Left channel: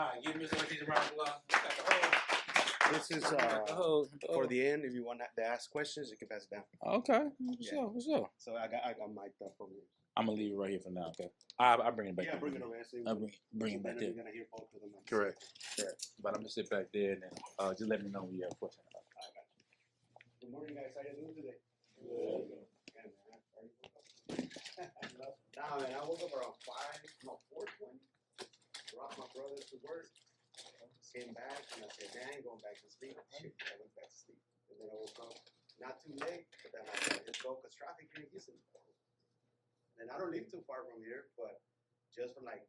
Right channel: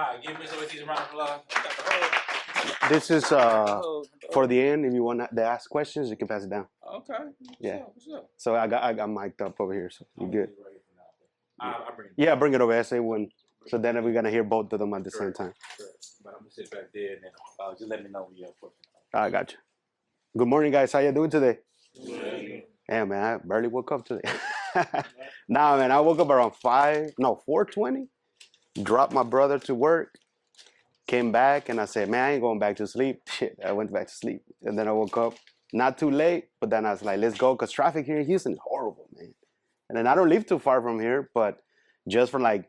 Alright, give Miss ORTIZ a round of applause. Got the whole- This is for the end. If you want to ask questions, you can pass it down. Okay. Yeah. What's up? So I got mic'd up over here. So I'm you gonna good. leave it right here for now. Okay. I'll bring it back. Yeah, bring it over. I say when. Bring So it then back we're in. gonna hear both of them at the Correct. same time. Correct. But I'm gonna sit back there and just let me know when you have a question. I got you. Good morning, guys. How you doing today? Good. Yeah, man. I barely woke up today. Nah, man. I woke up around 4:20. Dropped my brother to work. Came back and I said, man, I ain't going back to sleep. Shit, I went back to sleep. And then I woke up not too late, but then I was like, let's go. Because traffic here in Houston is horrible, man. And then I don't live too far from here, but just for like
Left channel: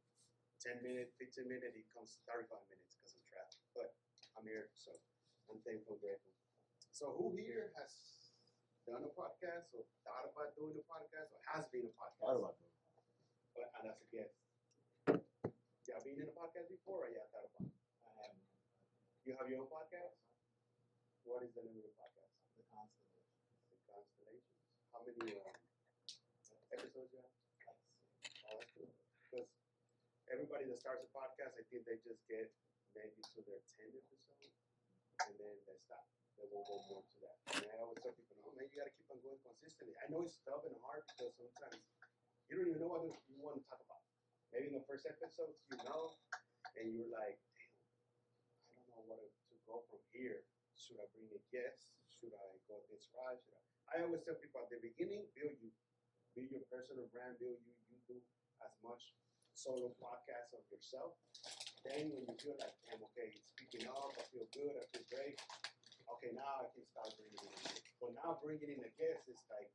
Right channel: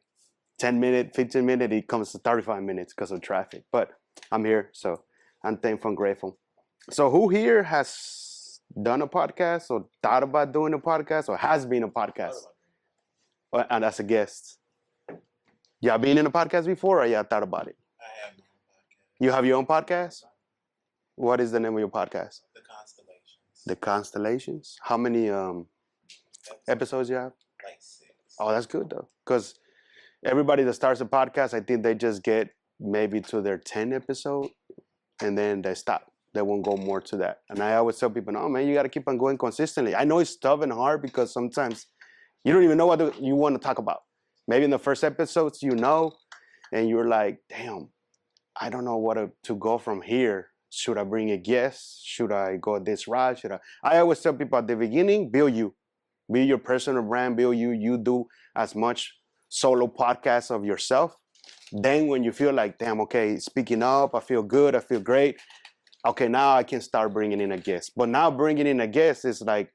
10 minutes, 15 minutes, it comes to 35 minutes because of traffic. But I'm here, so I'm thankful and grateful. So who here has done a podcast or thought about doing a podcast or has been a podcast? And as a guest? Y'all been in a podcast before or y'all thought about it? I have my own podcast. You have your own podcast? What is the name of your podcast? The Constellations. The Constellations. How many episodes you have? Like 6. Oh, that's good though. Because everybody that starts a podcast, I think they just get maybe to their 10 episode and then they stop. They won't go more to that. And I always tell people, no, man, you got to keep on going consistently. I know it's tough and hard because sometimes you don't even know what you want to talk about. Maybe in the first episodes, you know, and you're like, damn, I don't know what to go from here. Should I bring a guest? Should I go this route? I always tell people at the beginning, build you. Build your personal brand, build you. You do as much solo podcasts of yourself. Then when you feel like, damn, okay, speaking up, I feel good, I feel great. Okay, now I can start bringing in a guest. But now bringing in a guest is like,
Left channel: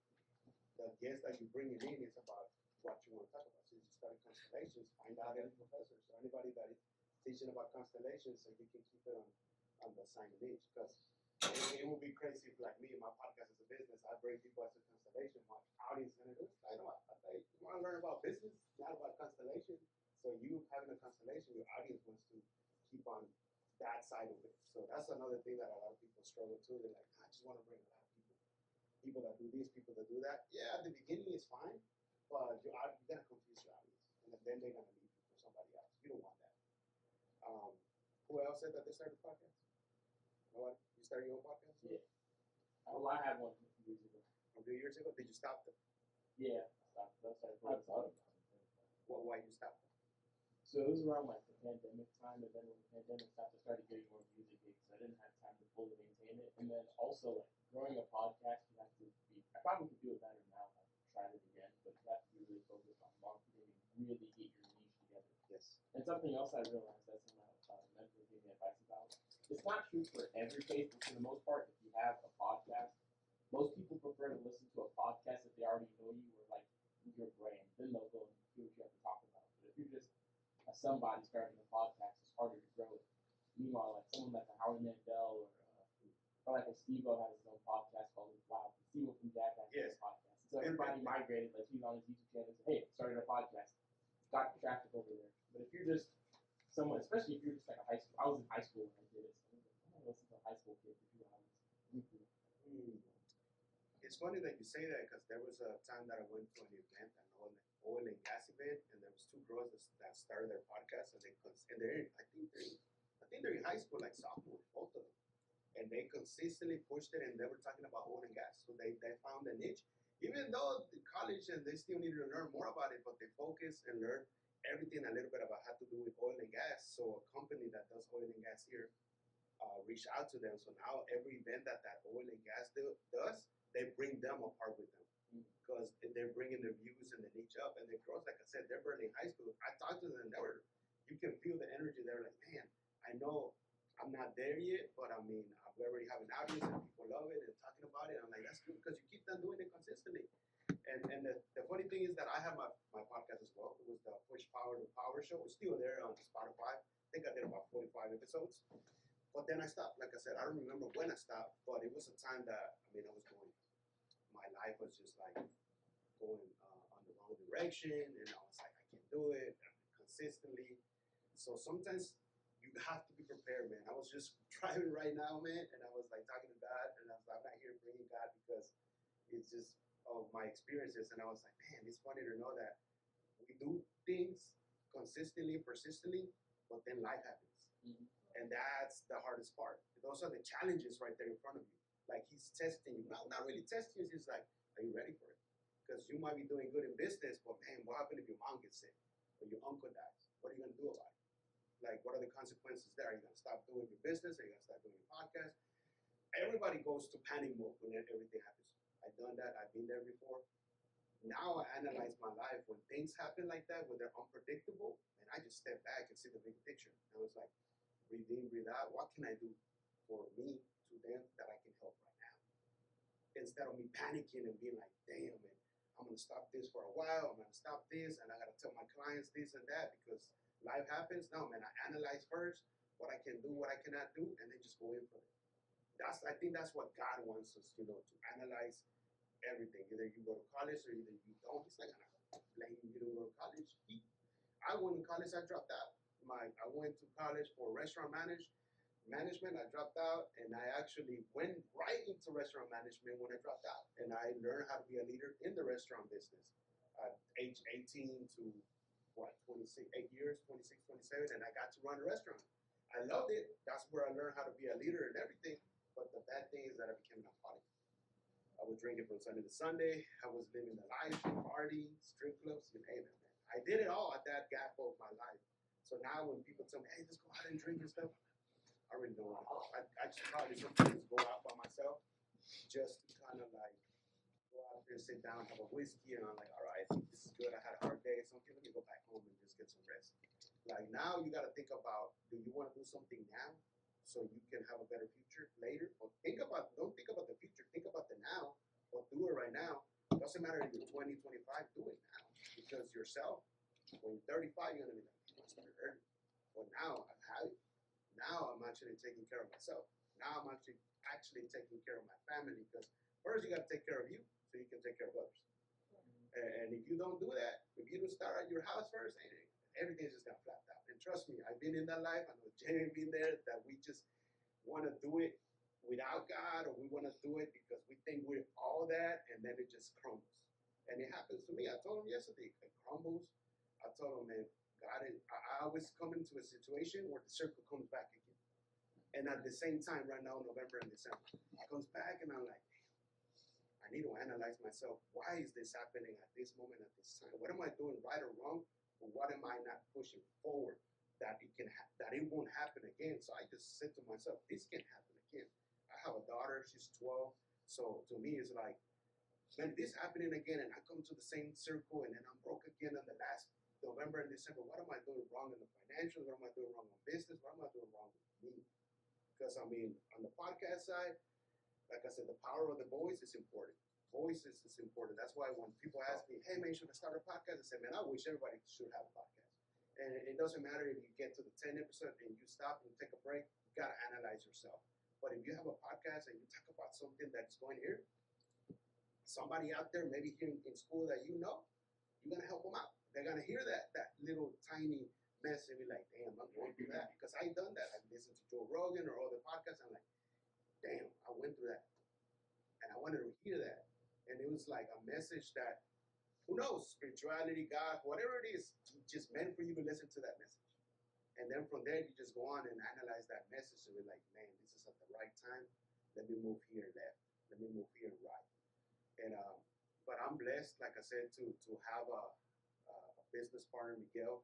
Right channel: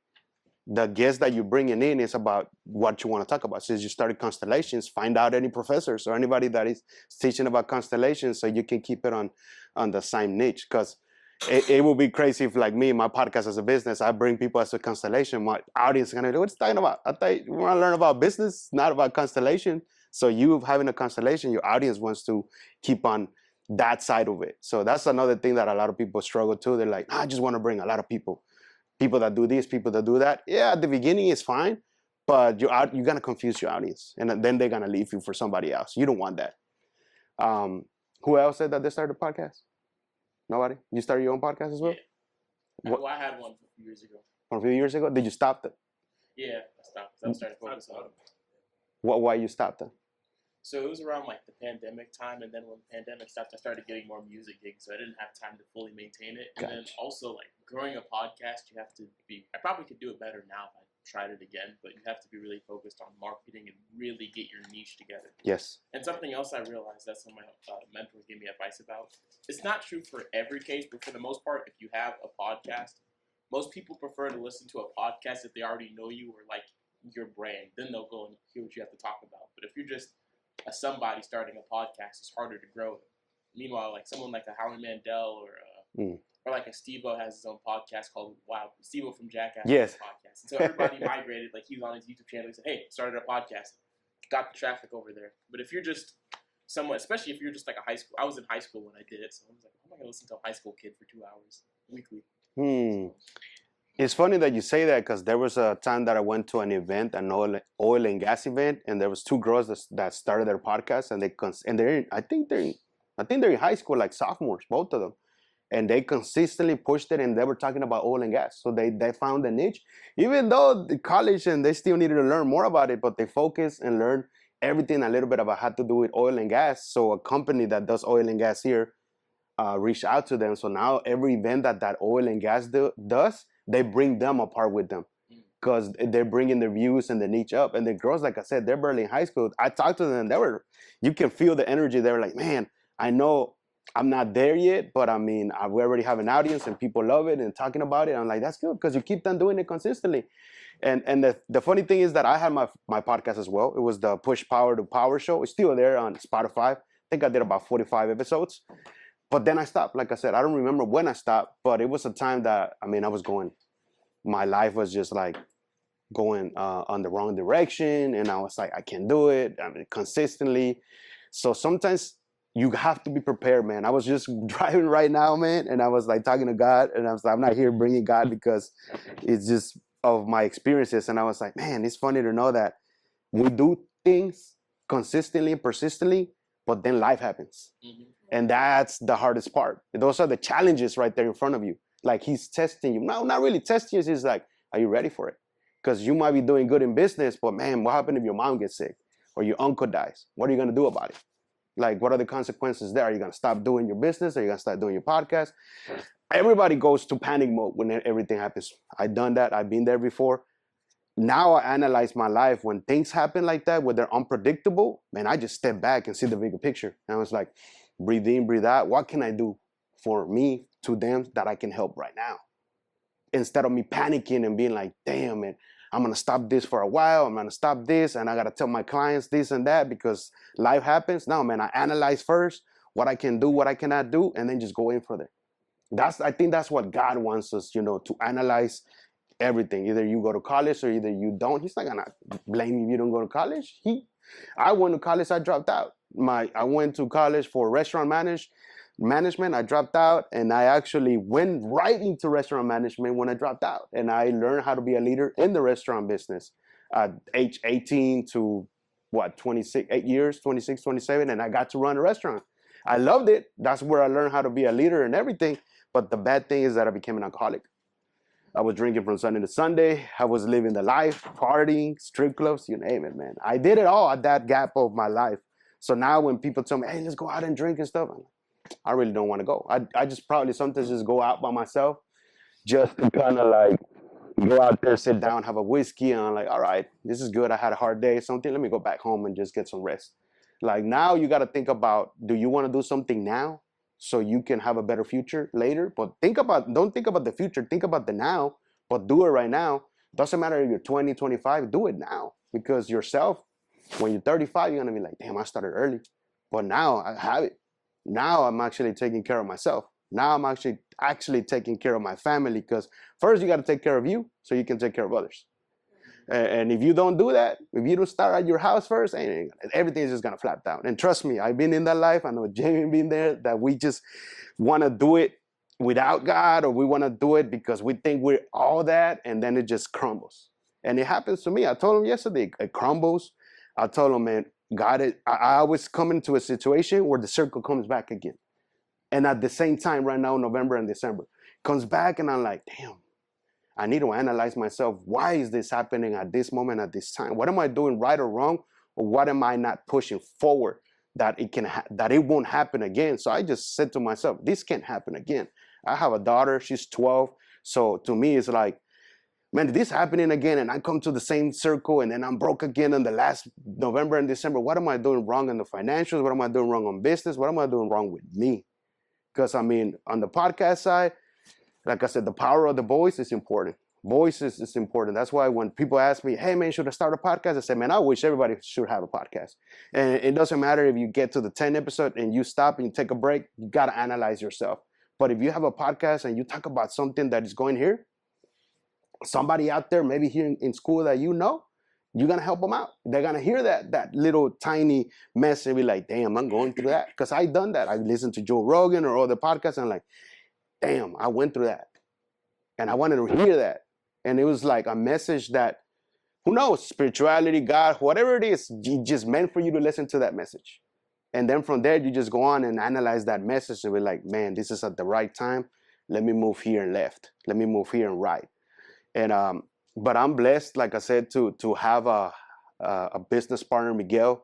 the guest that you're bringing in is about what you want to talk about. Since you started constellations, find out any professors or anybody that is teaching about constellations so you can keep it on the same niche. Because it will be crazy if, like me, my podcast as a business, I bring people as a constellation. My audience is going to go, what's talking about? I thought you want to learn about business, not about constellation. So you having a constellation, your audience wants to keep on that side of it. So that's another thing that a lot of people struggle to. They're like, I just want to bring a lot of people. People that do this, people that do that. Yeah, at the beginning it's fine, but you're gonna confuse your audience, and then they're gonna leave you for somebody else. You don't want that. Who else said that they started a podcast? Nobody? You started your own podcast as well? Yeah. Well, I had one a few years ago. A few years ago? Did you stop that? Yeah, I stopped. I was starting to focus on it. Why you stopped that? So it was around like the pandemic time, and then when the pandemic stopped, I started getting more music gigs, so I didn't have time to fully maintain it. And then also, like, growing a podcast, you have to be, I probably could do it better now if I tried it again, but you have to be really focused on marketing and really get your niche together. Yes. And something else I realized that some of my mentors gave me advice about, it's not true for every case, but for the most part, if you have a podcast, most people prefer to listen to a podcast if they already know you or like your brand. Then they'll go and hear what you have to talk about. But if you're just somebody starting a podcast, it's harder to grow. Meanwhile, like someone like a Howie Mandel or like a Steve-O has his own podcast called Steve-O from Jackass. Yes. Podcast. And so everybody migrated. Like he was on his YouTube channel. He said, "Hey, started a podcast, got the traffic over there." But if you're just someone, especially if you're just like a high school, I was in high school when I did it, so I was like, "How am I gonna listen to a high school kid for 2 hours weekly?" It's funny that you say that because there was a time that I went to an event, an oil and gas event, and there was two girls that started their podcast, and I think they're in high school, like sophomores, both of them, and they consistently pushed it, and they were talking about oil and gas, so they found a niche, even though the college and they still needed to learn more about it, but they focused and learned everything a little bit about how to do with oil and gas. So a company that does oil and gas here reached out to them. So now every event that oil and gas does, they bring them apart with them because they're bringing their views and the niche up. And the girls, like I said, they're barely in high school. I talked to them. You can feel the energy. They were like, man, I know I'm not there yet, but I mean, we already have an audience and people love it and talking about it. I'm like, that's good because you keep on doing it consistently. And the funny thing is that I had my podcast as well. It was the Push Power to Power show. It's still there on Spotify. I think I did about 45 episodes. But then I stopped. Like I said, I don't remember when I stopped, but it was a time that, I mean, my life was just like going on the wrong direction. And I was like, I can't do it. I mean, consistently. So sometimes you have to be prepared, man. I was just driving right now, man. And I was like talking to God. And I was like, I'm not here bringing God because it's just of my experiences. And I was like, man, it's funny to know that we do things consistently and persistently, but then life happens. And that's the hardest part. Those are the challenges right there in front of you. Like he's testing you. No, not really testing you. He's like, are you ready for it? Because you might be doing good in business, but man, what happens if your mom gets sick or your uncle dies? What are you going to do about it? Like, what are the consequences there? Are you going to stop doing your business? Are you going to start doing your podcast? Everybody goes to panic mode when everything happens. I've done that. I've been there before. Now I analyze my life when things happen like that, where they're unpredictable. Man, I just step back and see the bigger picture. And I was like, breathe in, breathe out. What can I do for me, to them, that I can help right now? Instead of me panicking and being like, damn it, I'm going to stop this for a while. I'm going to stop this. And I got to tell my clients this and that because life happens. No, man, I analyze first what I can do, what I cannot do, and then just go in for that. I think that's what God wants us, to analyze everything. Either you go to college or either you don't. He's not going to blame you if you don't go to college. I went to college, I dropped out. I went to college for restaurant management. I dropped out, and I actually went right into restaurant management when I dropped out. And I learned how to be a leader in the restaurant business at age 18 to 26, 8 years, 26, 27, and I got to run a restaurant. I loved it. That's where I learned how to be a leader and everything. But the bad thing is that I became an alcoholic. I was drinking from Sunday to Sunday. I was living the life, partying, strip clubs, you name it, man. I did it all at that gap of my life. So now when people tell me, hey, let's go out and drink and stuff, I really don't want to go. I just probably sometimes just go out by myself just to kind of like go out there, sit down, have a whiskey, and I'm like, all right, this is good. I had a hard day, something. Let me go back home and just get some rest. Like now you got to think about, do you want to do something now so you can have a better future later? But don't think about the future. Think about the now, but do it right now. Doesn't matter if you're 20, 25, do it now. Because yourself, when you're 35, you're going to be like, damn, I started early. But now I have it. Now I'm actually taking care of myself. Now I'm actually taking care of my family, because first you got to take care of you so you can take care of others. And if you don't do that, if you don't start at your house first, everything is just going to flap down. And trust me, I've been in that life. I know Jamie been there, that we just want to do it without God, or we want to do it because we think we're all that, and then it just crumbles. And it happens to me. I told him yesterday, it crumbles. I told him, man, God, I always come into a situation where the circle comes back again. And at the same time, right now, November and December, comes back, and I'm like, damn, I need to analyze myself. Why is this happening at this moment, at this time? What am I doing right or wrong? Or what am I not pushing forward that it won't happen again? So I just said to myself, this can't happen again. I have a daughter, she's 12. So to me, it's like, man, this happening again, and I come to the same circle, and then I'm broke again in the last November and December. What am I doing wrong in the financials? What am I doing wrong on business? What am I doing wrong with me? Because I mean, on the podcast side, like I said, the power of the voice is important. Voice is important. That's why when people ask me, hey man, should I start a podcast? I say, man, I wish everybody should have a podcast. And it doesn't matter if you get to the 10th episode and you stop and you take a break, you got to analyze yourself. But if you have a podcast and you talk about something that is going here, somebody out there, maybe here in school that you're going to help them out. They're going to hear that little tiny mess and be like, damn, I'm going through that. Because I've done that. I listened to Joe Rogan or other podcasts, and I'm like, damn, I went through that. And I wanted to hear that. And it was like a message that, who knows, spirituality, God, whatever it is, just meant for you to listen to that message. And then from there, you just go on and analyze that message and be like, man, this is at the right time. Let me move here and left. Let me move here and right. And but I'm blessed, like I said, to have a business partner, Miguel,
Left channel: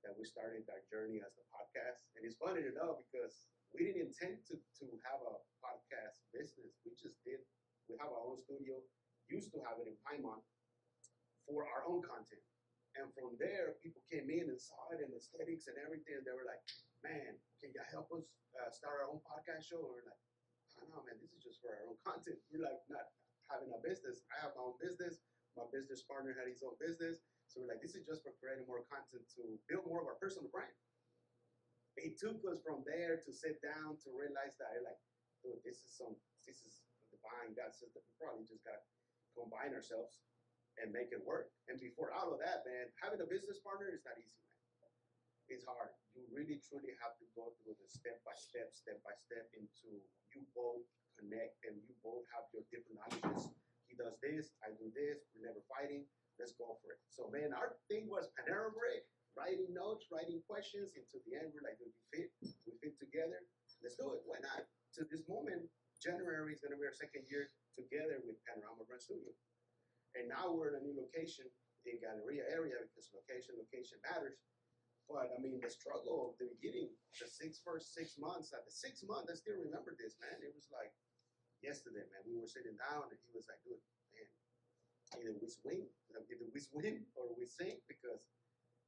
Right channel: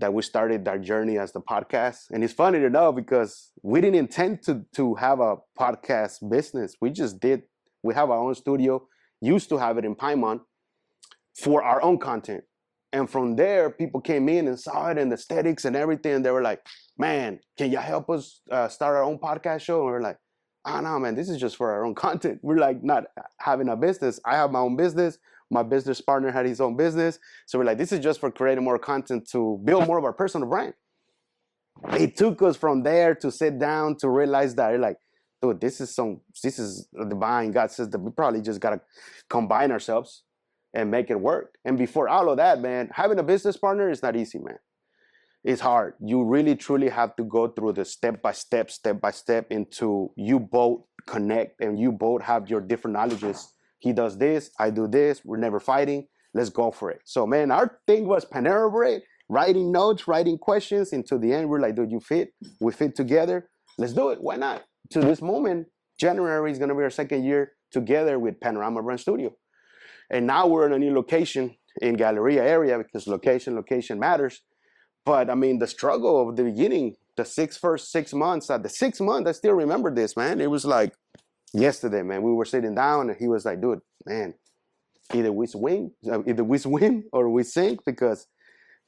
that we started our journey as the podcast. And it's funny to know because we didn't intend to have a podcast business. We just did. We have our own studio, used to have it in Paimon for our own content. And from there, people came in and saw it and the aesthetics and everything. And they were like, man, can you help us start our own podcast show? And we're like, oh, no, man, this is just for our own content. We're like not having a business. I have my own business. My business partner had his own business. So we're like, this is just for creating more content to build more of our personal brand. It took us from there to sit down to realize that, like, dude, this is divine. God says that we probably just got to combine ourselves and make it work. And before all of that, man, having a business partner is not easy, man. It's hard. You really, truly have to go through the step by step into you both connect and you both have your different knowledges. He does this, I do this. We're never fighting. Let's go for it. So, man, our thing was Panera Bread. writing notes, writing questions. And to the end, we're like, dude, you fit. We fit together. Let's do it. Why not? To this moment, January is going to be our second year together with Panorama Brand Studio. And now we're in a new location in Galleria area because location matters. But I mean, the struggle of the beginning, the first 6 months, at the 6th month, I still remember this, man. It was like yesterday, man. We were sitting down and he was like, dude, man, either we win or we sink because,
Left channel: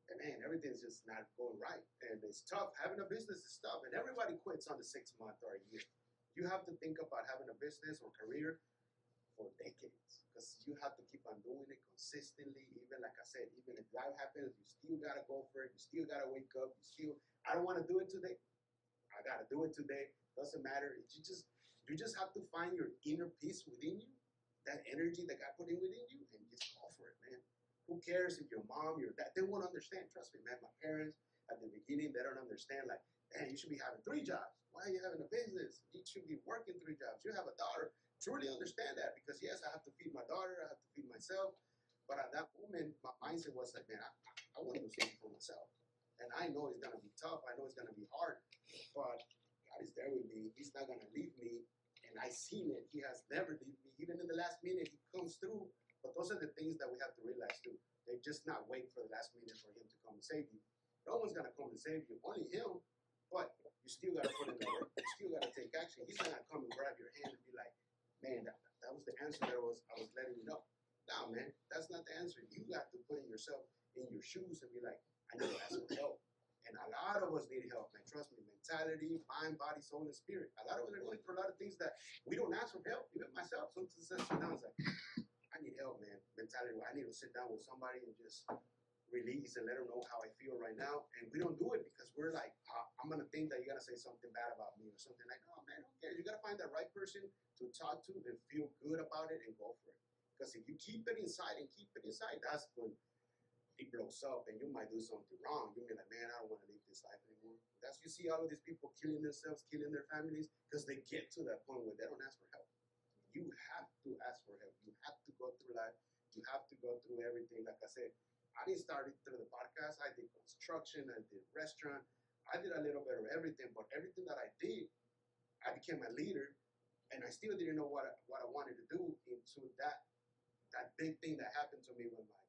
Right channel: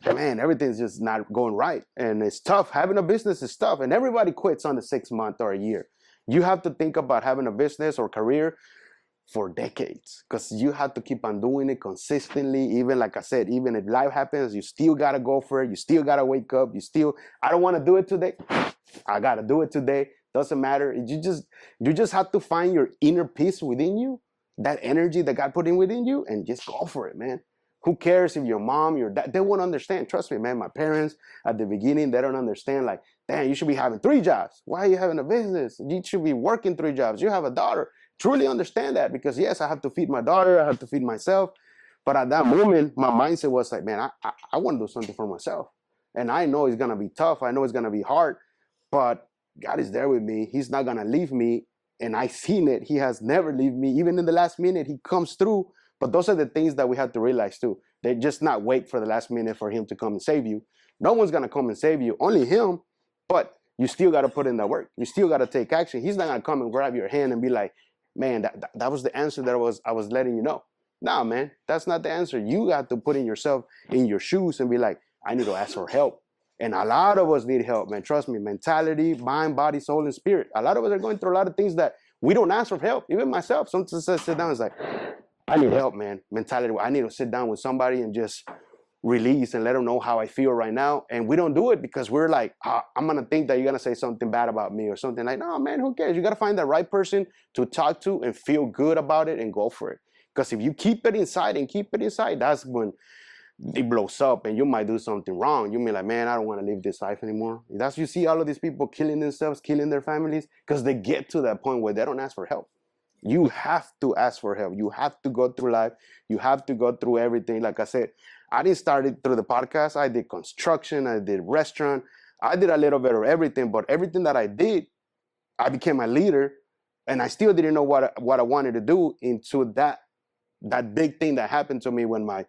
man, everything's just not going right. And it's tough. Having a business is tough. And everybody quits on the 6th month or a year. You have to think about having a business or career for decades because you have to keep on doing it consistently. Even like I said, even if life happens, you still got to go for it. You still got to wake up. I don't want to do it today. I got to do it today. Doesn't matter. You just have to find your inner peace within you, that energy that God put in within you, and just go for it, man. Who cares if your mom, your dad, they won't understand. Trust me, man. My parents at the beginning, they don't understand. Like, damn, you should be having 3 jobs. Why are you having a business? You should be working 3 jobs. You have a daughter. Truly understand that because yes, I have to feed my daughter. I have to feed myself. But at that moment, my mindset was like, man, I want to do something for myself. And I know it's going to be tough. I know it's going to be hard, but God is there with me. He's not going to leave me. And I seen it. He has never leave me. Even in the last minute, he comes through. But those are the things that we have to realize too. They just not wait for the last minute for him to come and save you. No one's going to come and save you, only him. But you still got to put in that work. You still got to take action. He's not going to come and grab your hand and be like, man, that was the answer that I was letting you know. Nah, man, that's not the answer. You got to put in yourself in your shoes and be like, I need to ask for help. And a lot of us need help, man. Trust me, mentality, mind, body, soul, and spirit. A lot of us are going through a lot of things that we don't ask for help. Even myself, sometimes I sit down and it's like, I need help, man. Mentality, I need to sit down with somebody and just release and let them know how I feel right now. And we don't do it because we're like, I'm going to think that you're going to say something bad about me or something like, no, man, who cares? You got to find the right person to talk to and feel good about it and go for it. Because if you keep it inside, that's when it blows up and you might do something wrong. You may like, man, I don't want to live this life anymore. That's you see all of these people killing themselves, killing their families because they get to that point where they don't ask for help. You have to ask for help. You have to go through life. You have to go through everything. Like I said, I didn't start it through the podcast. I did construction. I did restaurant. I did a little bit of everything. But everything that I did, I became a leader. And I still didn't know what I wanted to do into that big thing that happened to me when my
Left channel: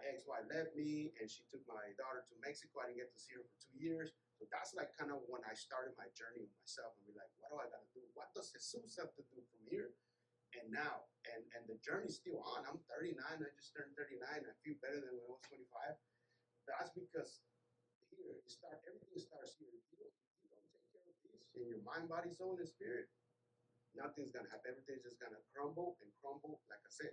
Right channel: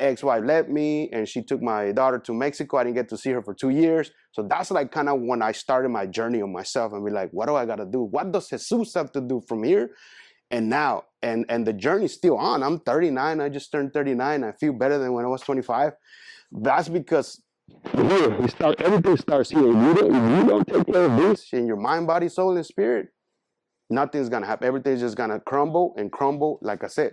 ex-wife left me and she took my daughter to Mexico. I didn't get to see her for 2 years. So that's like kind of when I started my journey on myself and be like, what do I got to do? What does Jesus have to do from here and now? And the journey's still on. I'm 39. I just turned 39. I feel better than when I was 25. That's because everything starts here. If you don't take care of this in your mind, body, soul, and spirit, nothing's going to happen. Everything's just going to crumble and crumble. Like I said,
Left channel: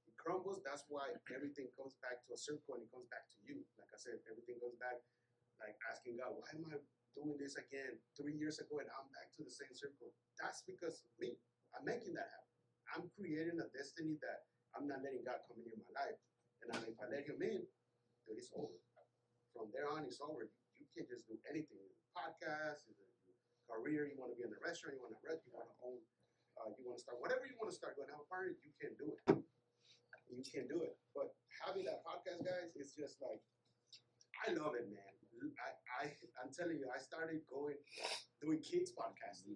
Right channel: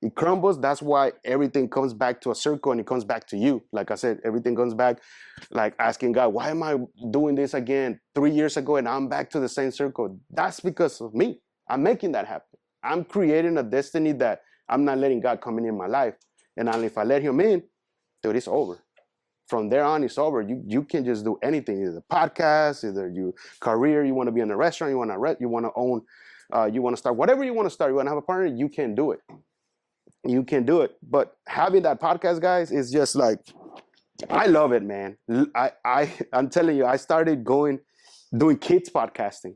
it crumbles. That's why everything comes back to a circle and it comes back to you. Like I said, everything comes back like asking God, why am I doing this again 3 years ago and I'm back to the same circle? That's because of me. I'm making that happen. I'm creating a destiny that I'm not letting God come in my life. And only if I let him in, dude, it's over. From there on, it's over. You can just do anything, either the podcast, either your career, you want to be in a restaurant, you want to own, you want to start, whatever you want to start, you want to have a partner, you can do it. You can do it. But having that podcast, guys, is just like, I love it, man. I'm telling you, I started doing kids podcasting.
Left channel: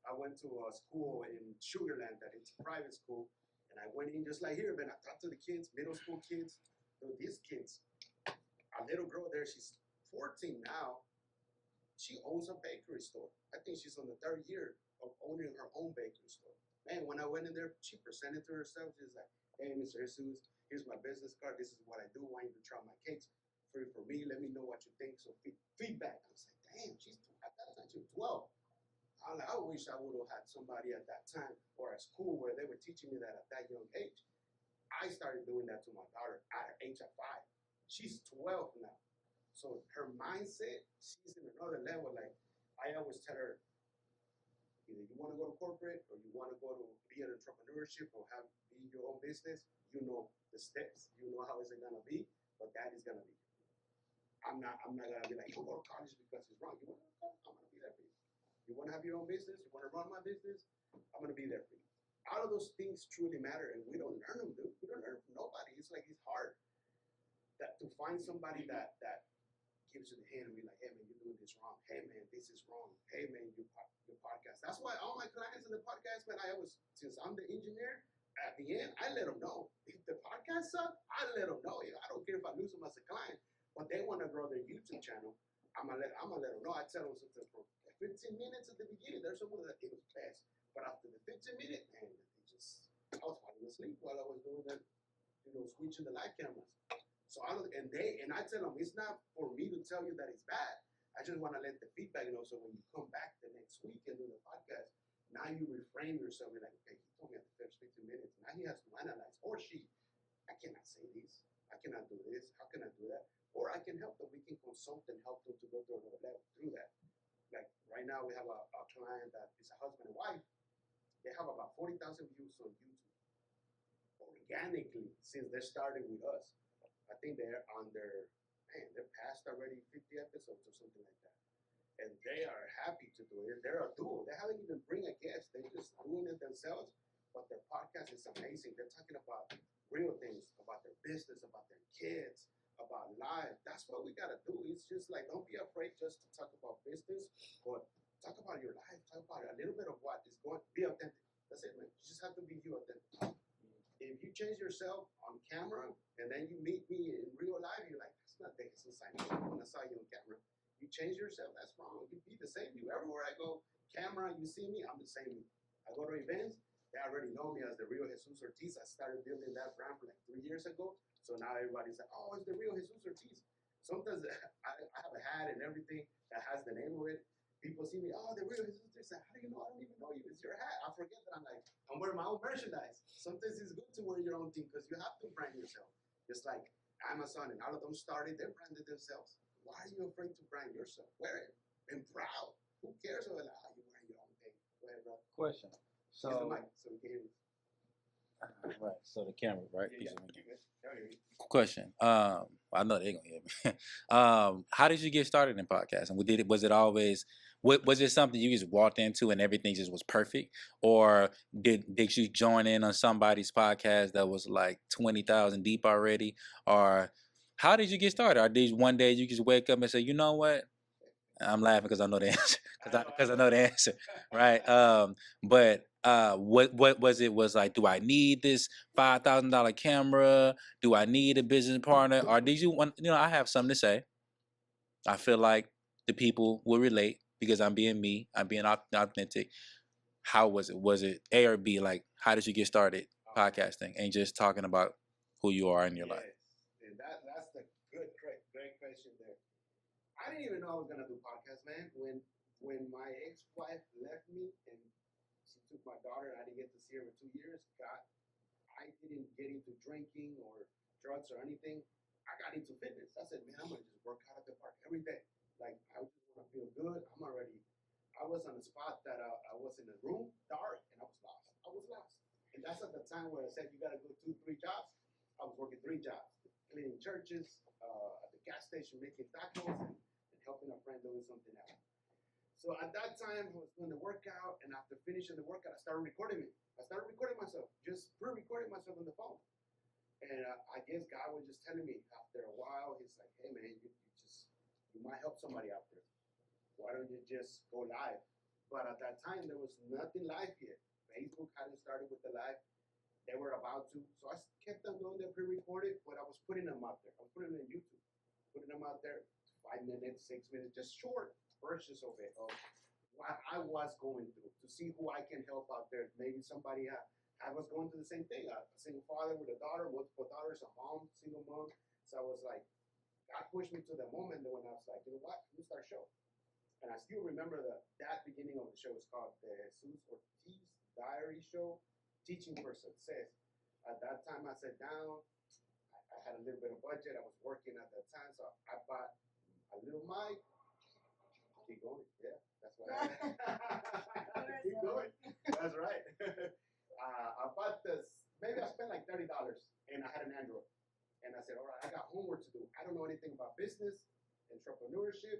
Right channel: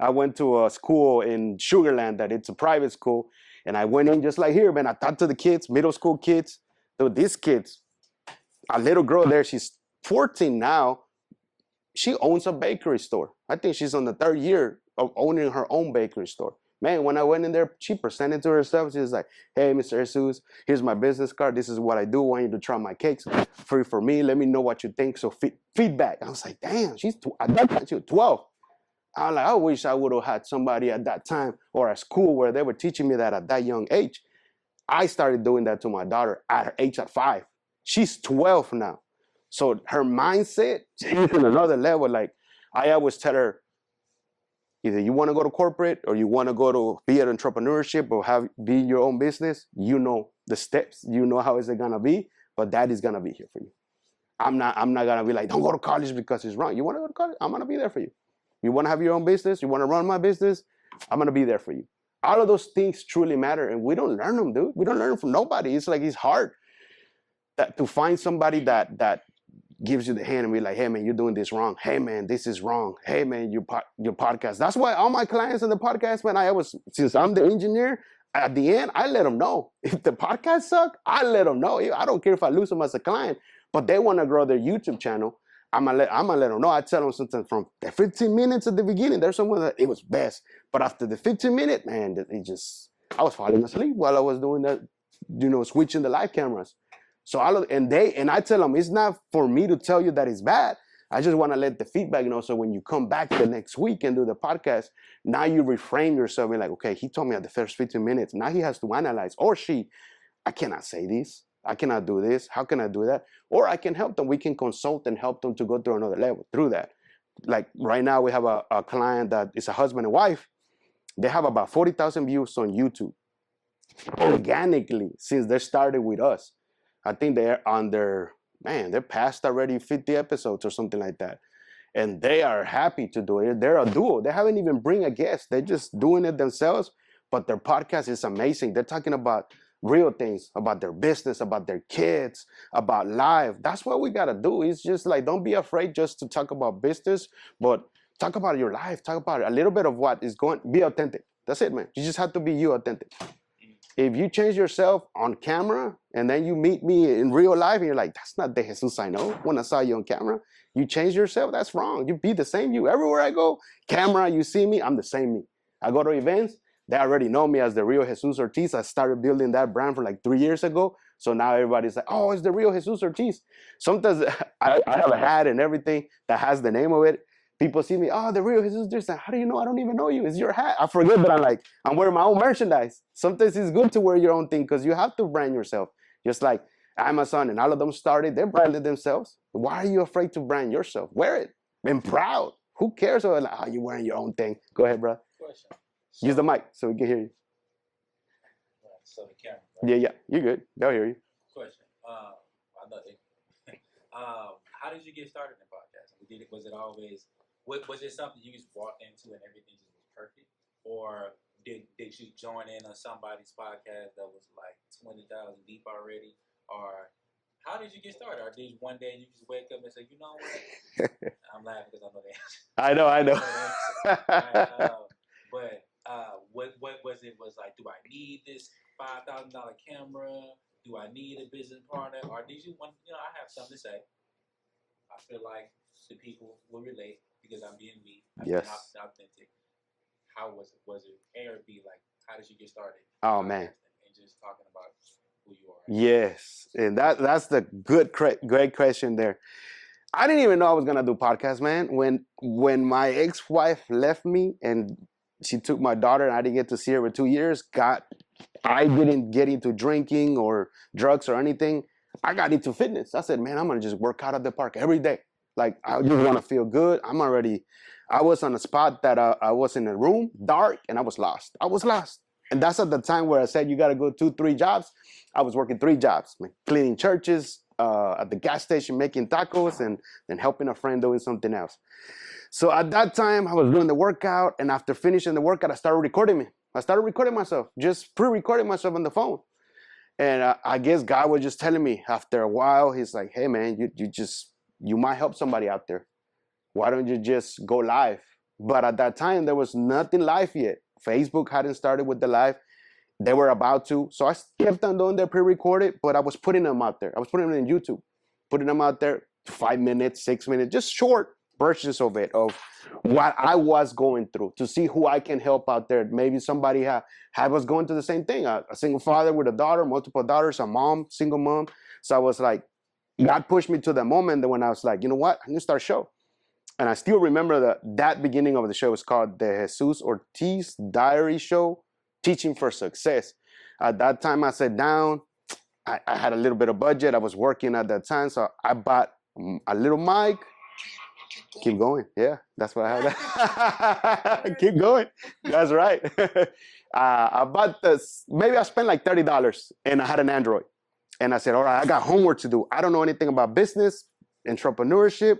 I went to a school in Sugar Land that it's a private school. And I went in just like here, man. I talked to the kids, middle school kids. Dude, these kids, a little girl there, she's 14 now. She owns a bakery store. I think she's on the 3rd year of owning her own bakery store. Man, when I went in there, she presented to herself. She was like, hey, Mr. Jesus, here's my business card. This is what I do. I want you to try my cakes. Free for me. Let me know what you think. So feedback. I was like, damn, at that time, she was 12. I was like, I wish I would have had somebody at that time or at school where they were teaching me that at that young age. I started doing that to my daughter at her age at 5. She's 12 now. So her mindset is in another level. Like I always tell her, either you want to go to corporate or you want to go to be an entrepreneurship or be your own business, you know the steps, you know how is it going to be, but that is going to be here for you. I'm not going to be like, don't go to college because it's wrong. You want to go to college? I'm going to be there for you. You want to have your own business? You want to run my business? I'm going to be there for you. All of those things truly matter, and we don't learn them, dude. We don't learn them from nobody. It's like it's hard to find somebody that gives you the hand and be like, hey man, you're doing this wrong. Hey man, this is wrong. Hey man, your podcast. That's why all my clients in the podcast, man, since I'm the engineer, at the end, I let them know. If the podcast suck, I let them know. I don't care if I lose them as a client, but they want to grow their YouTube channel. I'm gonna let them know. I tell them sometimes from the 15 minutes at the beginning, there's someone that it was best. But after the 15 minute, man, I was falling asleep while I was doing that, switching the live cameras. So I tell them, it's not for me to tell you that it's bad. I just want to let the feedback, so when you come back the next week and do the podcast, now you reframe yourself and like, okay, he told me at the first 15 minutes. Now he has to analyze, or she, I cannot say this. I cannot do this. How can I do that? Or I can help them. We can consult and help them to go through another level through that. Like right now we have a client that is a husband and wife. They have about 40,000 views on YouTube organically since they started with us. I think they're past already 50 episodes or something like that. And they are happy to do it. They're a duo. They haven't even bring a guest. They're just doing it themselves. But their podcast is amazing. They're talking about real things, about their business, about their kids, about life. That's what we got to do. It's just like, don't be afraid just to talk about business, but talk about your life. Talk about a little bit of what is going, be authentic. That's it, man. You just have to be you authentic. If you change yourself on camera and then you meet me in real life and you're like, that's not the Jesus I know when I saw you on camera, you change yourself, that's wrong. You be the same you. Everywhere I go, camera, you see me, I'm the same me. I go to events, they already know me as the real Jesus Ortiz. I started building that brand for like 3 years ago. So now everybody's like, oh, it's the real Jesus Ortiz. Sometimes I have a hat and everything that has the name of it. People see me, oh, the real Jesus Ortiz. How do you know? I don't even know you. It's your hat. I forget that I'm wearing my own merchandise. Sometimes it's good to wear your own thing because you have to brand yourself. Just like Amazon and all of them started, they branded themselves. Why are you afraid to brand yourself? Wear it. I'm proud. Who cares? Oh, you're wearing your own thing. Go ahead, bro. Question. Use the mic so we can hear you. Right. So the camera, right? Yeah. You're good. They'll hear you. Question. I know they're gonna hear me. How did you get started in podcasting? Was it always? Was it something you just walked into and everything just was perfect, or did you join in on somebody's podcast that was like 20,000 deep already, or how did you get started? Or did one day you just wake up and say, you know what? I'm laughing because I know the answer. I know. I know the answer. Right. But what was it? Was like, do I need this $5,000 camera? Do I need a business partner? Or did you want? I have something to say. I feel like the people will relate because I'm being me. I'm being authentic. How was it? Was it A or B? Like, how did you get started podcasting and just talking about who you are? Yes, and that's the great question there. I didn't even know I was gonna do podcasts, man. When my ex-wife left me and she took my daughter and I didn't get to see her for 2 years, I didn't get into drinking or drugs or anything. I got into fitness. I said, man, I'm gonna just work out at the park every day. Like, I just want to feel good. I was on a spot that I was in a room, dark, and I was lost. And that's at the time where I said, you got to go 2-3 jobs. I was working 3 jobs, like cleaning churches, at the gas station, making tacos, and then helping a friend doing something else. So at that time, I was doing the workout, and after finishing the workout, I started recording me. I started recording myself, just pre-recording myself on the phone. And I guess God was just telling me after a while, he's like, hey, man, you might help somebody out there. Why don't you just go live? But at that time, there was nothing live yet. Facebook hadn't started with the live. They were about to. So I kept on doing the pre-recorded, but I was putting them out there. I was putting them in YouTube, putting them out there 5 minutes, 6 minutes, just short versions of it, of what I was going through to see who I can help out there. Maybe somebody was going through the same thing. A single father with a daughter, multiple daughters, a mom, single mom. So I was like, God pushed me to the moment that when I was like, you know what? I'm going to start a show. And I still remember that beginning of the show was called the Jesus Ortiz Diary Show, Teaching for Success. At that time, I sat down. I had a little bit of budget. I was working at that time. So I bought a little mic. Keep going. Yeah, that's what I had. Keep going. That's right. I bought this. Maybe I spent like $30 and I had an Android. And I said, all right, I got homework to do. I don't know anything about business, entrepreneurship.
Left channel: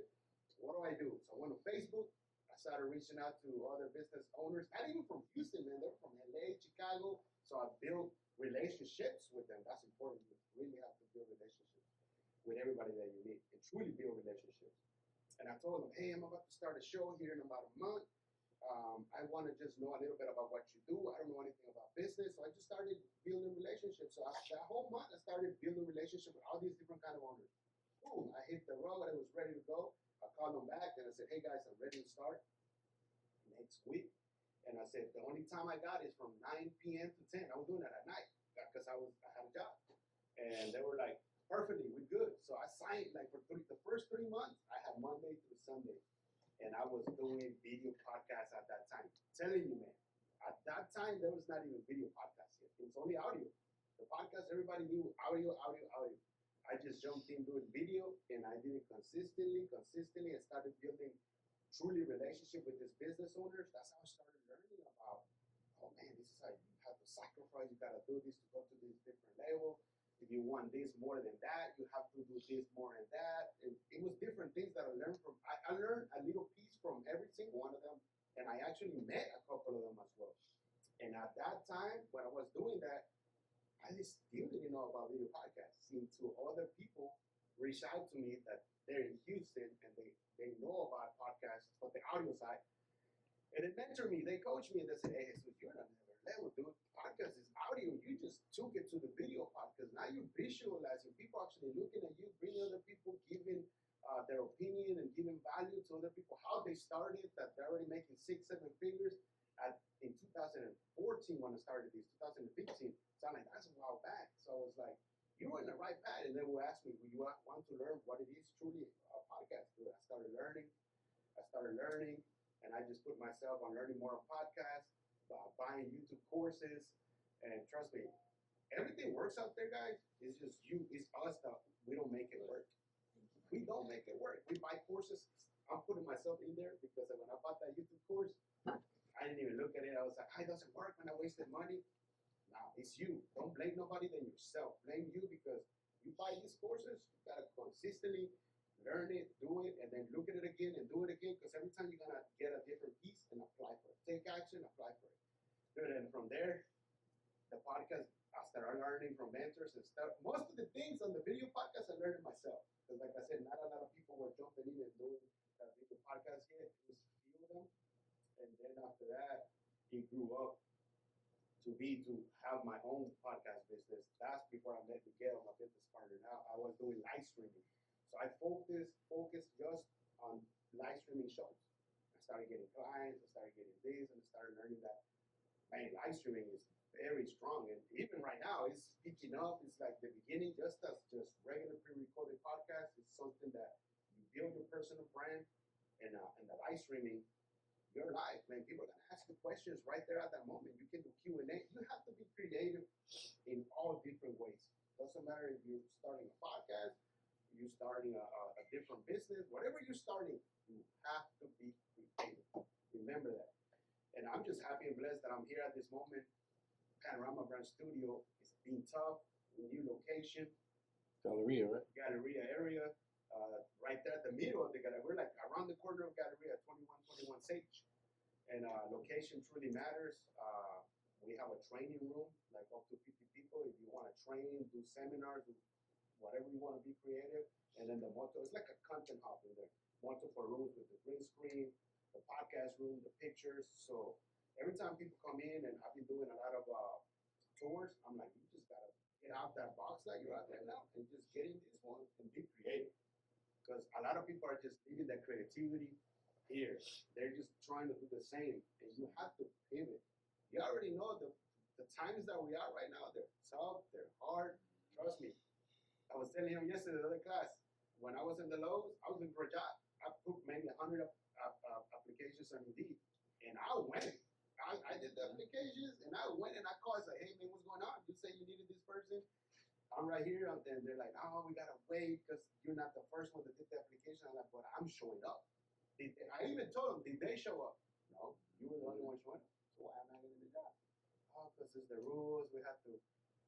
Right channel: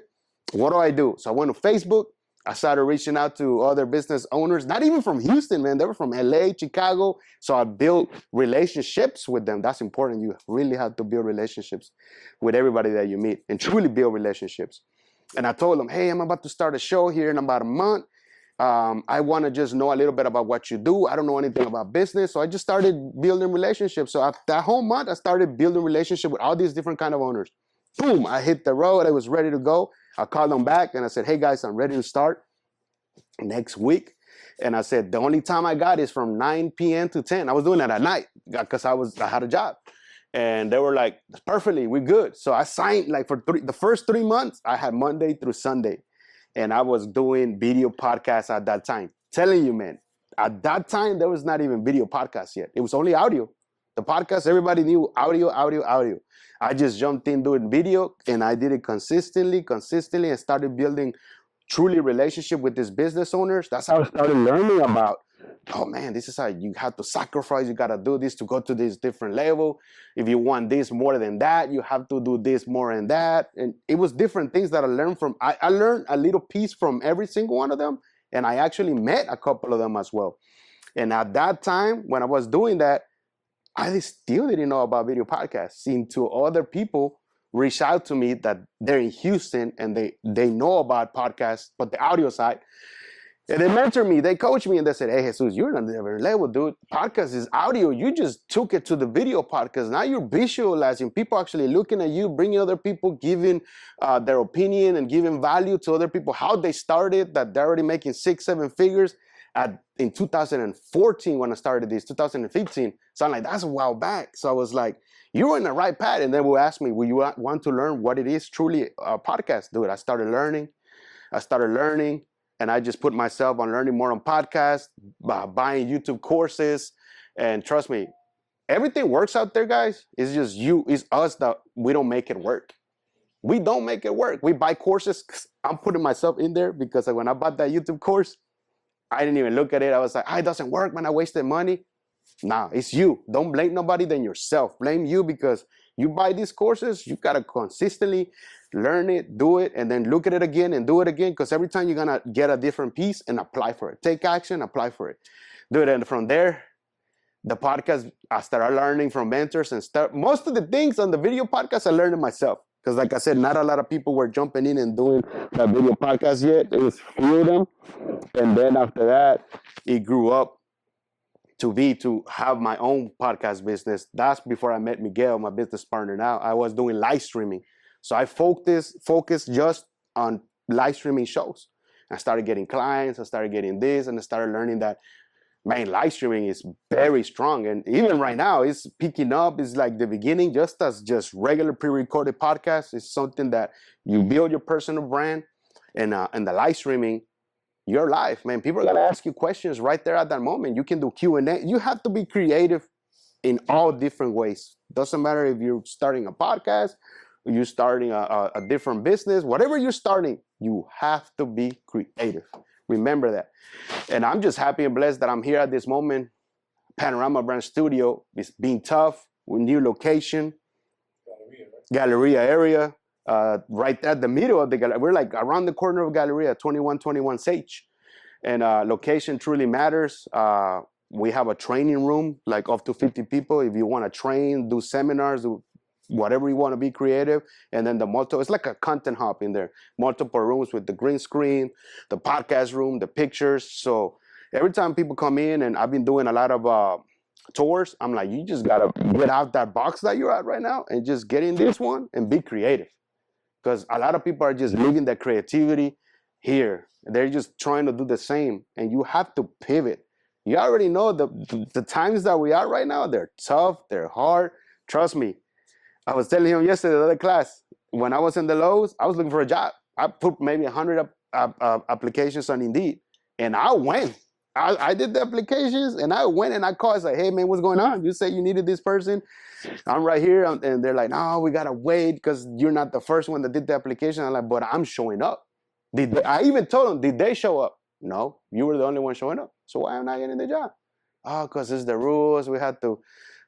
What do I do? So I went to Facebook. I started reaching out to other business owners, not even from Houston, man. They were from LA, Chicago. So I built relationships with them. That's important. You really have to build relationships with everybody that you meet and truly build relationships. And I told them, hey, I'm about to start a show here in about a month. I want to just know a little bit about what you do. I don't know anything about business. So I just started building relationships. So after that whole month, I started building relationships with all these different kind of owners. Boom, I hit the road. I was ready to go. I called them back and I said, hey guys, I'm ready to start next week. And I said, the only time I got is from 9 p.m. to 10. I was doing that at night because I had a job. And they were like, perfectly, we're good. So I signed like for the first 3 months, I had Monday through Sunday. And I was doing video podcasts at that time. Telling you, man, at that time, there was not even video podcasts yet. It was only audio. The podcast, everybody knew audio. I just jumped in doing video and I did it consistently and started building truly relationship with these business owners. That's how I started learning about, oh man, this is how you have to sacrifice. You got to do this to go to this different level. If you want this more than that, you have to do this more than that. And it was different things that I learned from. I learned a little piece from every single one of them. And I actually met a couple of them as well. And at that time, when I was doing that, I still didn't know about video podcasts. Until other people reach out to me that they're in Houston and they know about podcasts, but the audio side. And they mentor me, they coach me, and they said, hey, Jesus, you're on a different level, dude. Podcast is audio. You just took it to the video podcast. Now you're visualizing. People actually looking at you, bringing other people, giving their opinion and giving value to other people, how they started, that they're already making 6-7 figures. In 2014 when I started this, 2015. So I'm like, that's a while back. So I was like, you're in the right path. And then will ask me, will you want to learn what it is truly a podcast? Dude, I started learning. And I just put myself on learning more on podcasts, buying YouTube courses. And trust me, everything works out there, guys. It's just it's us that we don't make it work. We don't make it work. We buy courses. I'm putting myself in there because when I bought that YouTube course, I didn't even look at it. I was like, it doesn't work, man. I wasted money. Nah, it's you. Don't blame nobody than yourself. Blame you because you buy these courses, you got to consistently learn it, do it, and then look at it again and do it again because every time you're going to get a different piece and apply for it. Take action, apply for it. Do it. And from there, the podcast, I started learning from mentors and most of the things on the video podcast, I learned it myself. Because like I said, not a lot of people were jumping in and doing that video podcast yet. It was few of them. And then after that, it grew up to have my own podcast business. That's before I met Miguel, my business partner now. I was doing live streaming. So I focused just on live streaming shows. I started getting clients, I started getting this, and I started learning that, man, live streaming is very strong. And even right now, it's picking up. It's like the beginning, just as just regular pre-recorded podcasts. It's something that you build your personal brand. And the live streaming, your life, man. People are going to ask you questions right there at that moment. You can do Q&A. You have to be creative in all different ways. Doesn't matter if you're starting a podcast, or you're starting a different business. Whatever you're starting, you have to be creative. Remember that. And I'm just happy and blessed that I'm here at this moment. Panorama Brand Studio is being tough with new location. Galleria, right? Galleria area. Right at the middle of the gallery. We're like around the corner of Galleria, 2121 Sage. And location truly matters. We have a training room, like up to 50 people. If you want to train, do seminars, do whatever you want to be creative. And then it's like a content hub in there. Multiple rooms with the green screen, the podcast room, the pictures. So every time people come in, and I've been doing a lot of tours, I'm like, you just got to get out that box that you're at right now and just get in this one and be creative. Because a lot of people are just leaving their creativity here. They're just trying to do the same. And you have to pivot. You already know the times that we are right now, they're tough, they're hard. Trust me. I was telling him yesterday, the other class, when I was in the Lowe's, I was looking for a job. I put maybe 100 applications on Indeed. And I went. I did the applications, and I went and I called. I said, hey, man, what's going on? You said you needed this person. I'm right here. And they're like, no, we got to wait because you're not the first one that did the application. I'm like, but I'm showing up. I even told them, did they show up? No, you were the only one showing up. So why am I getting the job? Oh, because it's the rules. We had to.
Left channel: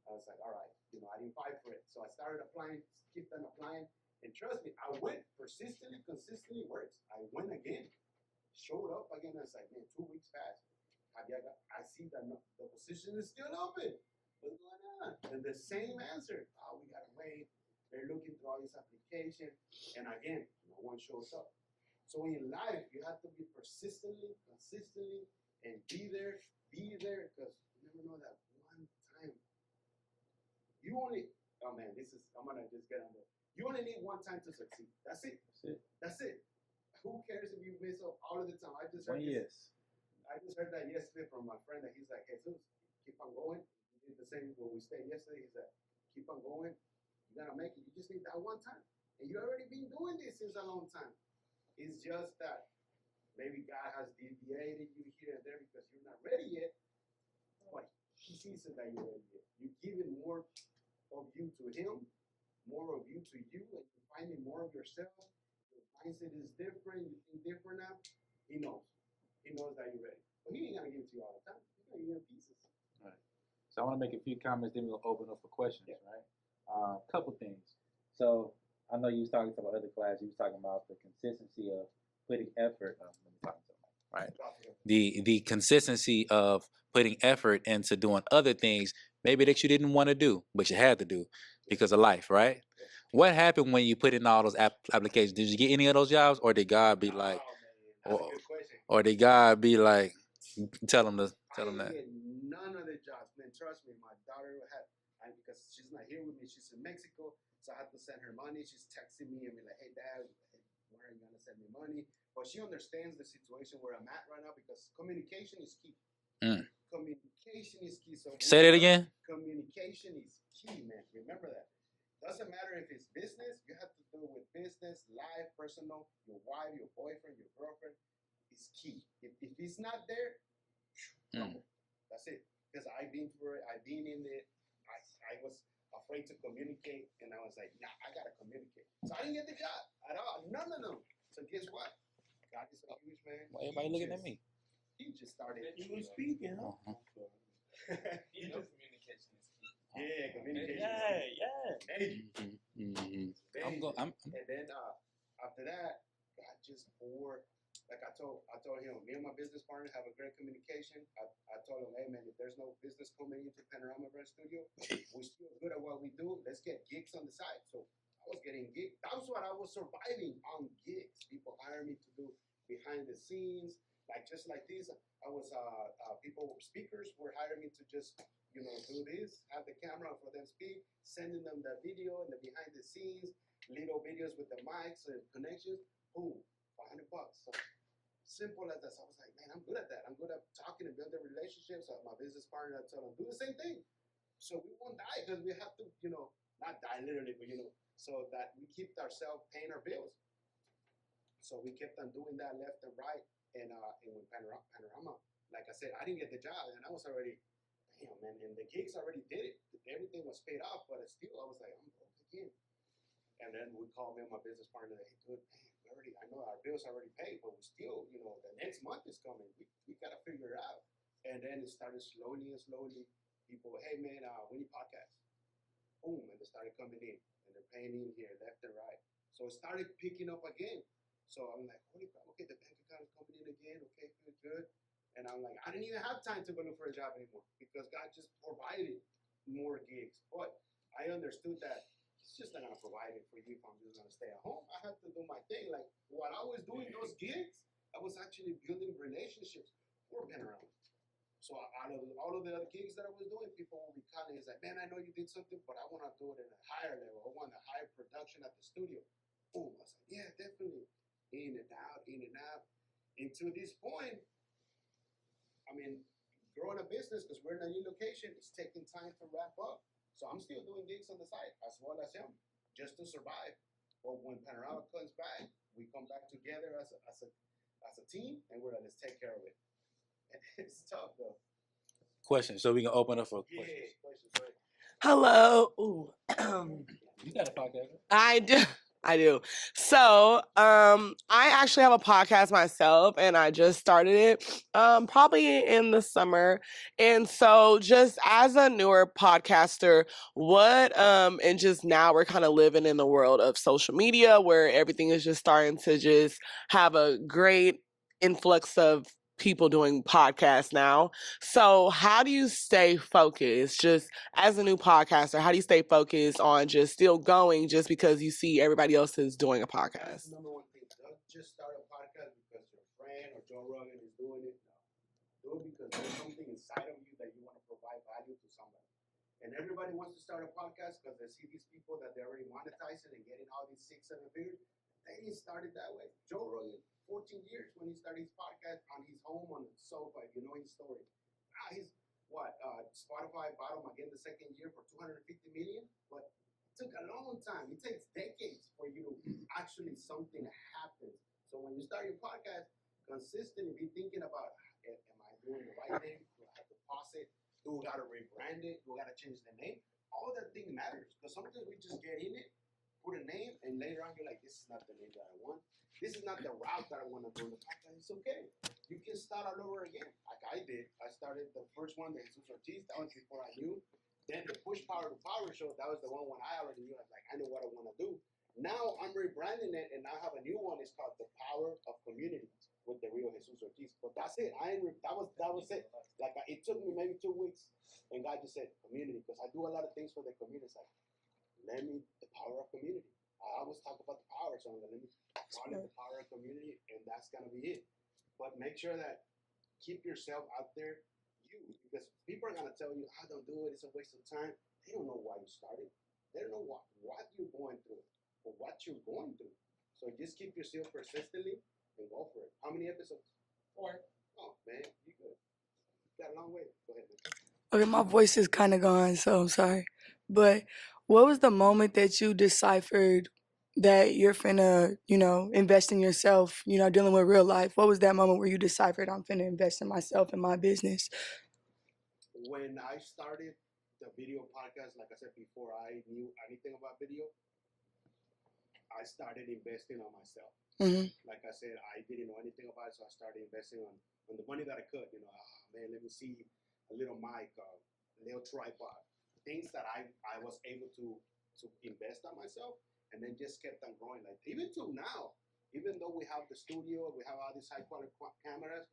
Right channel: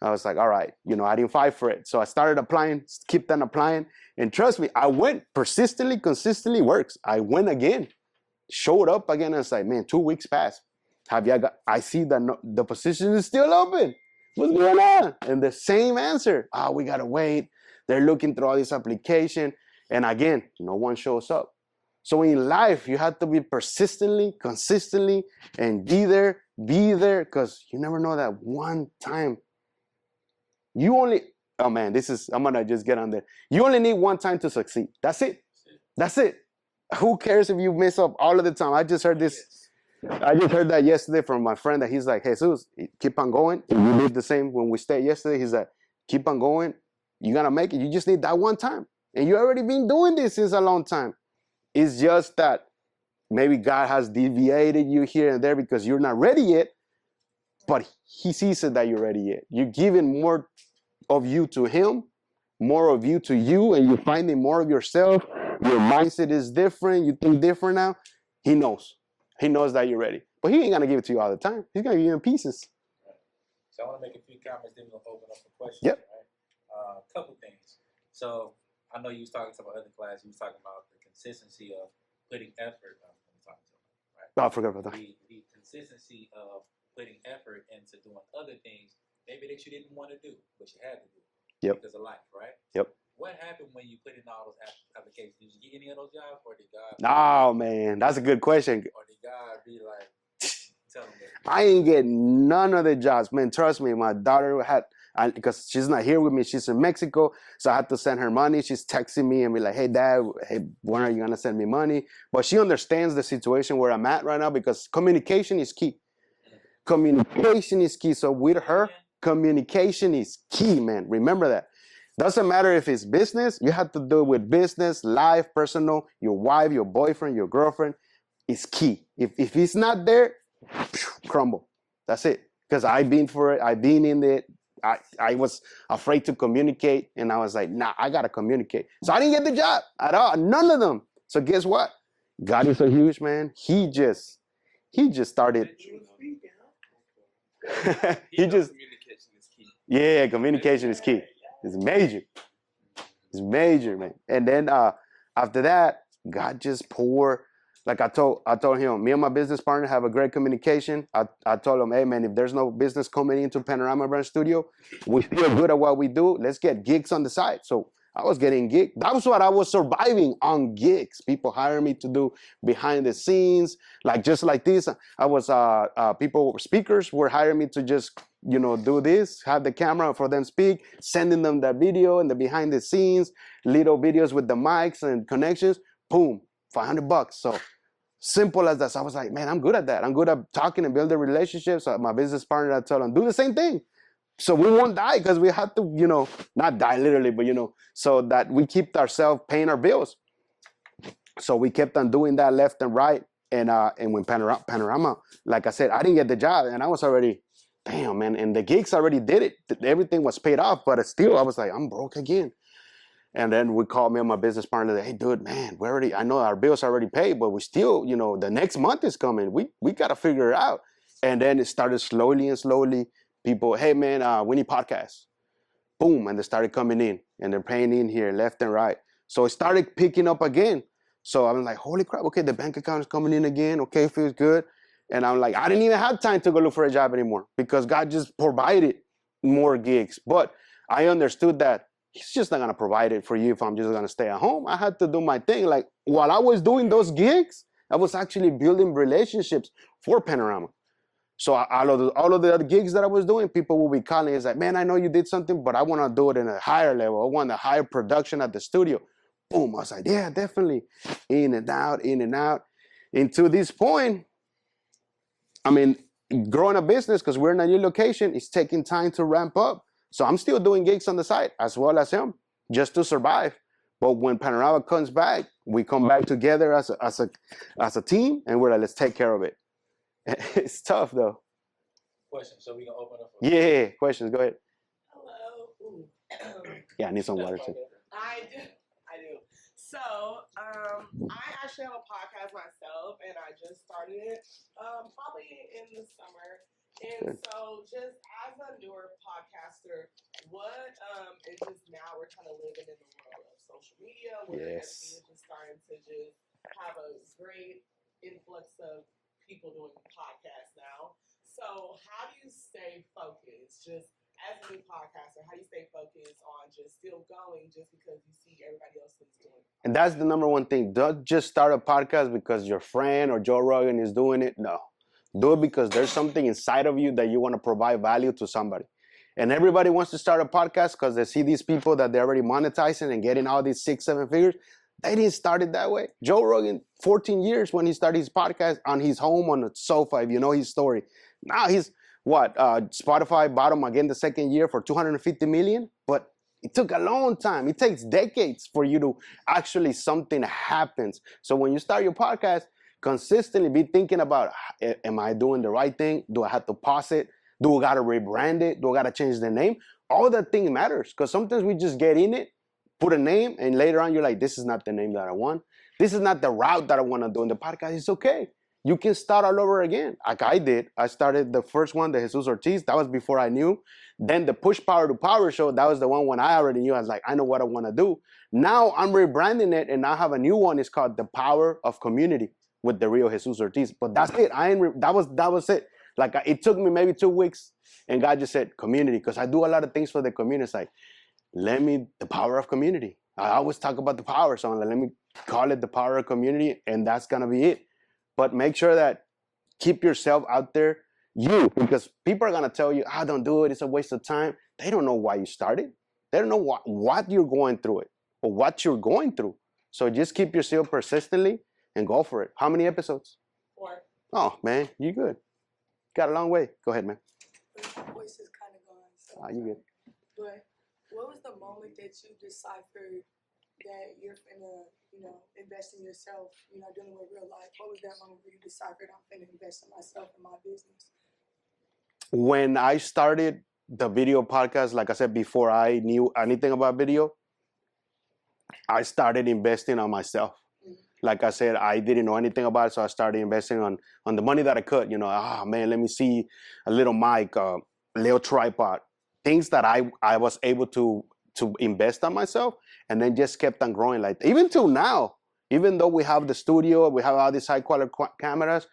I was like, all right, I didn't fight for it. So I started applying, kept on applying. And trust me, I went persistently, consistently works. I went again. showed up again. And it's like, man, 2 weeks passed. I see that the position is still open. What's going on? And the same answer. We gotta wait. They're looking through all this application. And again, no one shows up. So in life, you have to be consistently, and be there, because you never know that one time. I'm gonna just get on there. You only need one time to succeed. That's it. That's it. Who cares if you mess up all of the time? I just heard this. I just heard that yesterday from my friend that he's like, hey, Jesus, keep on going. We did the same when we stayed yesterday. He's like, keep on going. You're gonna make it. You just need that one time. And you already been doing this since a long time. It's just that maybe God has deviated you here and there because you're not ready yet, but he sees it that you're ready yet. You're giving more of you to him, more of you to you, and you're finding more of yourself. Your mindset is different. You think different now. He knows. He knows that you're ready. But he ain't going to give it to you all the time. He's going to give you in pieces. Right. So I want to make a few comments, then we'll open up for questions. Yep. Right? Couple things. So I know you was talking to my other class. You was talking about the consistency of putting effort. Right. I forgot about that. The consistency of putting effort into doing other things, maybe that you didn't want to do, but you had to do because of life, right? Yep. What happened when you put in all those applications? Did you get any of those jobs, or did God be man, that's a good question. Or did God be like, tell them to? I ain't get none of the jobs, man. Trust me, my daughter because she's not here with me. She's in Mexico, so I had to send her money. She's texting me and be like, hey, Dad, when are you going to send me money? But she understands the situation where I'm at right now because communication is key. Communication is key. So with Say that her, again? communication is key, man. Remember that. Doesn't matter if it's business. You have to do it with business, life, personal, your wife, your boyfriend, your girlfriend. It's key. If it's not there, crumble. That's it. Because I've been for it. I've been in it. I was afraid to communicate, and I was like, nah, I gotta communicate. So I didn't get the job at all, none of them. So guess what? God is so huge, man. He just started. Communication is key. Yeah, communication is key. It's major. It's major, man. And then after that, God just poured. Like I told him, me and my business partner have a great communication. I told him, hey man, if there's no business coming into Panorama Brand Studio, we're still good at what we do. Let's get gigs on the side. So I was getting gigs. That was what I was surviving on, gigs. People hire me to do behind the scenes, like just like this. I was speakers were hiring me to just do this, have the camera for them speak, sending them the video and the behind the scenes, little videos with the mics and connections. Boom, $500. So simple as that. So I was like, man, I'm good at that. I'm good at talking and building relationships. So my business partner, I told him, do the same thing. So we won't die because we have to, not die literally, but, so that we keep ourselves paying our bills. So we kept on doing that left and right. And when Panorama, like I said, I didn't get the job and I was already, damn, man. And the gigs already did it. Everything was paid off, but still, I was like, I'm broke again. And then we called me and my business partner, like, hey, dude, man, I know our bills are already paid, but we still, the next month is coming. We got to figure it out. And then it started slowly. People, hey, man, we need podcasts. Boom. And they started coming in and they're paying in here left and right. So it started picking up again. So I'm like, holy crap. Okay, the bank account is coming in again. Okay, feels good. And I'm like, I didn't even have time to go look for a job anymore because God just provided more gigs. But I understood that He's just not going to provide it for you if I'm just going to stay at home. I had to do my thing. Like while I was doing those gigs, I was actually building relationships for Panorama. So all of the other gigs that I was doing, people will be calling. It's like, man, I know you did something, but I want to do it in a higher level. I want a higher production at the studio. Boom. I was like, yeah, definitely. In and out. And to this point, I mean, growing a business, because we're in a new location, it's taking time to ramp up. So I'm still doing gigs on the side as well as him, just to survive. But when Panorama comes back, we come back together as a team, and we're like, let's take care of it. It's tough though. Question. So we can open up for questions. Go ahead. Hello. Ooh. Yeah, I need some water too. I do. So, I actually have a podcast myself, and I just started it probably in the summer. And so, just as a newer podcaster, and just now we're kind of living in the world of social media where everything is just starting to just have a great influx of people doing podcasts now. So how do you stay focused just as a new podcaster? How do you stay focused on just still going just because you see everybody else is doing a podcast? And that's the number one thing. Don't just start a podcast because your friend or Joe Rogan is doing it. No. Do it because there's something inside of you that you want to provide value to somebody. And everybody wants to start a podcast because they see these people that they're already monetizing and getting all these 6-7 figures. They didn't start it that way. Joe Rogan, 14 years when he started his podcast on his home on a sofa, if you know his story. Now he's, Spotify bought him again the second year for $250 million. But it took a long time. It takes decades for you to actually something happens. So when you start your podcast, consistently be thinking about, am I doing the right thing? Do I have to pause it? Do I got to rebrand it? Do I got to change the name? All that thing matters because sometimes we just get in it, put a name, and later on you're like, this is not the name that I want. This is not the route that I want to do in the podcast. It's okay. You can start all over again. Like I did. I started the first one, the Jesus Ortiz. That was before I knew. Then the Push Power to Power show. That was the one when I already knew. I was like, I know what I want to do. Now I'm rebranding it, and I have a new one. It's called The Power of Community with the real Jesus Ortiz. But that's it. That was it. Like it took me maybe 2 weeks, and God just said community because I do a lot of things for the community. It's like, the power of community. I always talk about the power, so I'm like, let me call it the power of community, and that's gonna be it. But make sure that keep yourself out there, because people are gonna tell you, don't do it, it's a waste of time. They don't know why you started. They don't know what you're going through it or what you're going through. So just keep yourself persistently and go for it. How many episodes? 4. Oh man, you good. Got a long way. Go ahead, man. Okay, my voice is kind of gone, so I'm sorry. But what was the moment that you deciphered that you're finna, invest in yourself, dealing with real life? What was that moment where you deciphered I'm finna invest in myself and my business? When I started the video podcast, like I said, before I knew anything about video, I started investing on myself. Mm-hmm. Like I said, I didn't know anything about it, so I started investing on the money that I could. Man, let me see a little mic, a little tripod, things that I was able to invest on myself, and then just kept on growing. Like even till now, even though we have the studio, we have all these high quality cameras,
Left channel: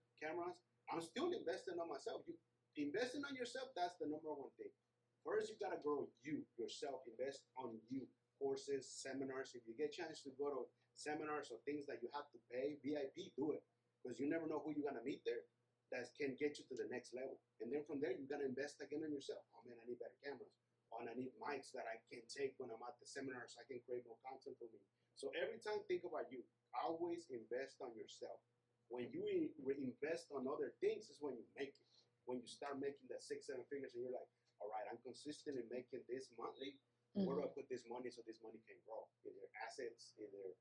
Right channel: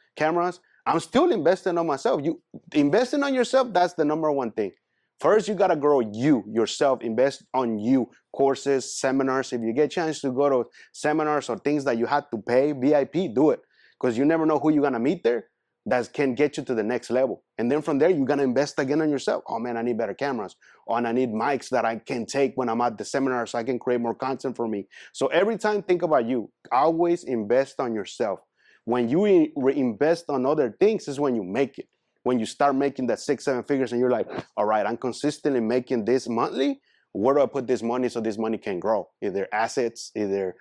I'm still investing on myself. You investing on yourself, that's the number one thing. First, you gotta grow yourself, invest on you. Courses, seminars. If you get a chance to go to seminars or things that you have to pay, VIP, do it. Because you never know who you're gonna meet there that can get you to the next level. And then from there, you're gonna invest again on yourself. Oh man, I need better cameras. And I need mics that I can take when I'm at the seminar so I can create more content for me. So every time, think about you. Always invest on yourself. When you invest on other things is when you make it. When you start making that 6-7 figures and you're like, all right, I'm consistently making this monthly. Where do I put this money so this money can grow? Either assets, there's